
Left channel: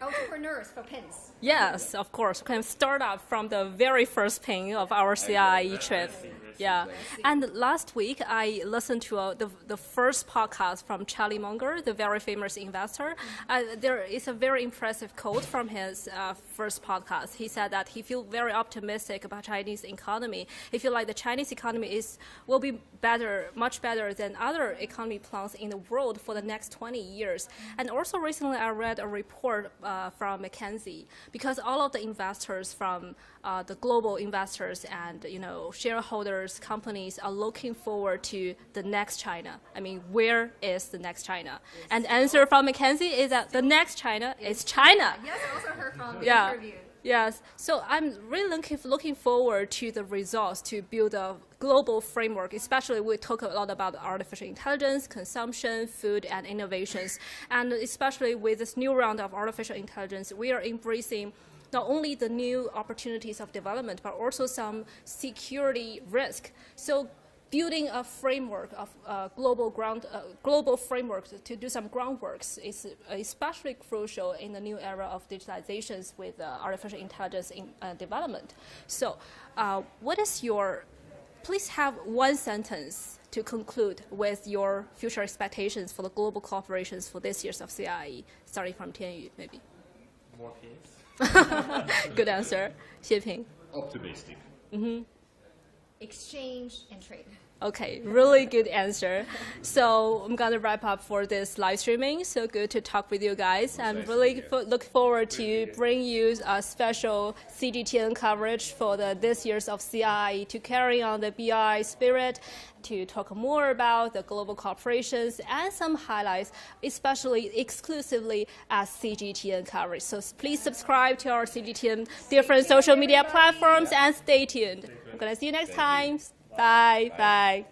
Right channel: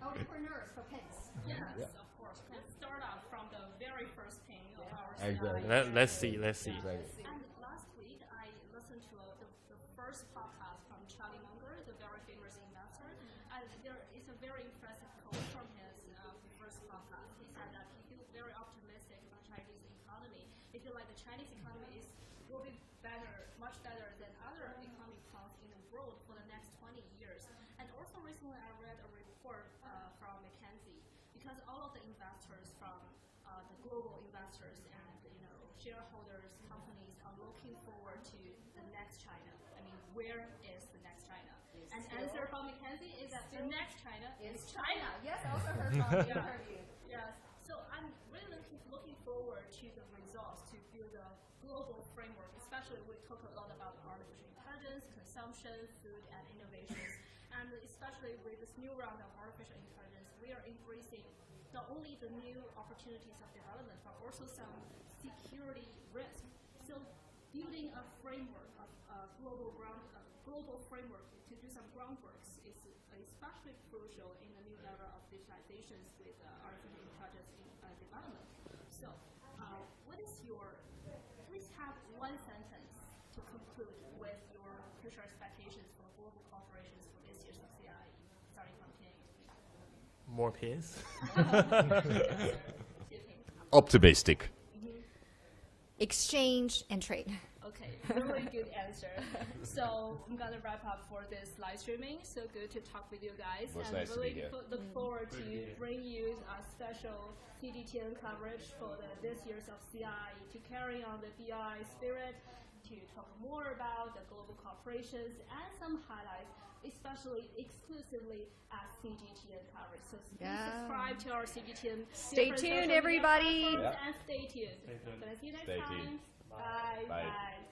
Entrepreneurs for pins. Yes, of course. We can start up from the very first pin of our CIIE trip. Let's see. And last week, I listened to the first podcast from Charlie Munger, the very famous investor. There is a very impressive quote from his first podcast. He said that he feels very optimistic about Chinese economy. He feels like the Chinese economy will be better, much better than other economy plans in the world for the next 20 years. And also recently, I read a report from McKinsey. because all of the investors from the global investors and shareholders, companies are looking forward to the next China. I mean, where is the next China? And answer from Mackenzie is that the next China is China. Yes, I also heard from the Yeah. interview. Yes, so I'm really looking forward to the results to build a global framework, especially we talk a lot about artificial intelligence, consumption, food, and innovations. And especially with this new round of artificial intelligence, we are embracing not only the new opportunities of development, but also some security risk. So building a framework of global framework to do some groundworks is especially crucial in the new era of digitalizations with artificial intelligence in development. So what is your, please have one sentence to conclude with your future expectations for the global cooperations for this year's of CIIE, starting from Tianyu, maybe. More peace. Good answer. Xie Optimistic. Exchange and trade. Okay, really good answer. So I'm gonna wrap up for this live streaming. So good to talk with you guys. I'm really look forward to bring you a special CGTN coverage for this year's of CIIE to carry on the BRI spirit, to talk more about the global corporations and some highlights, especially exclusively as CGTN coverage. So please subscribe to our CGTN different tuned, social media everybody. platforms and stay tuned. I'm gonna see you next time. Bye. Bye.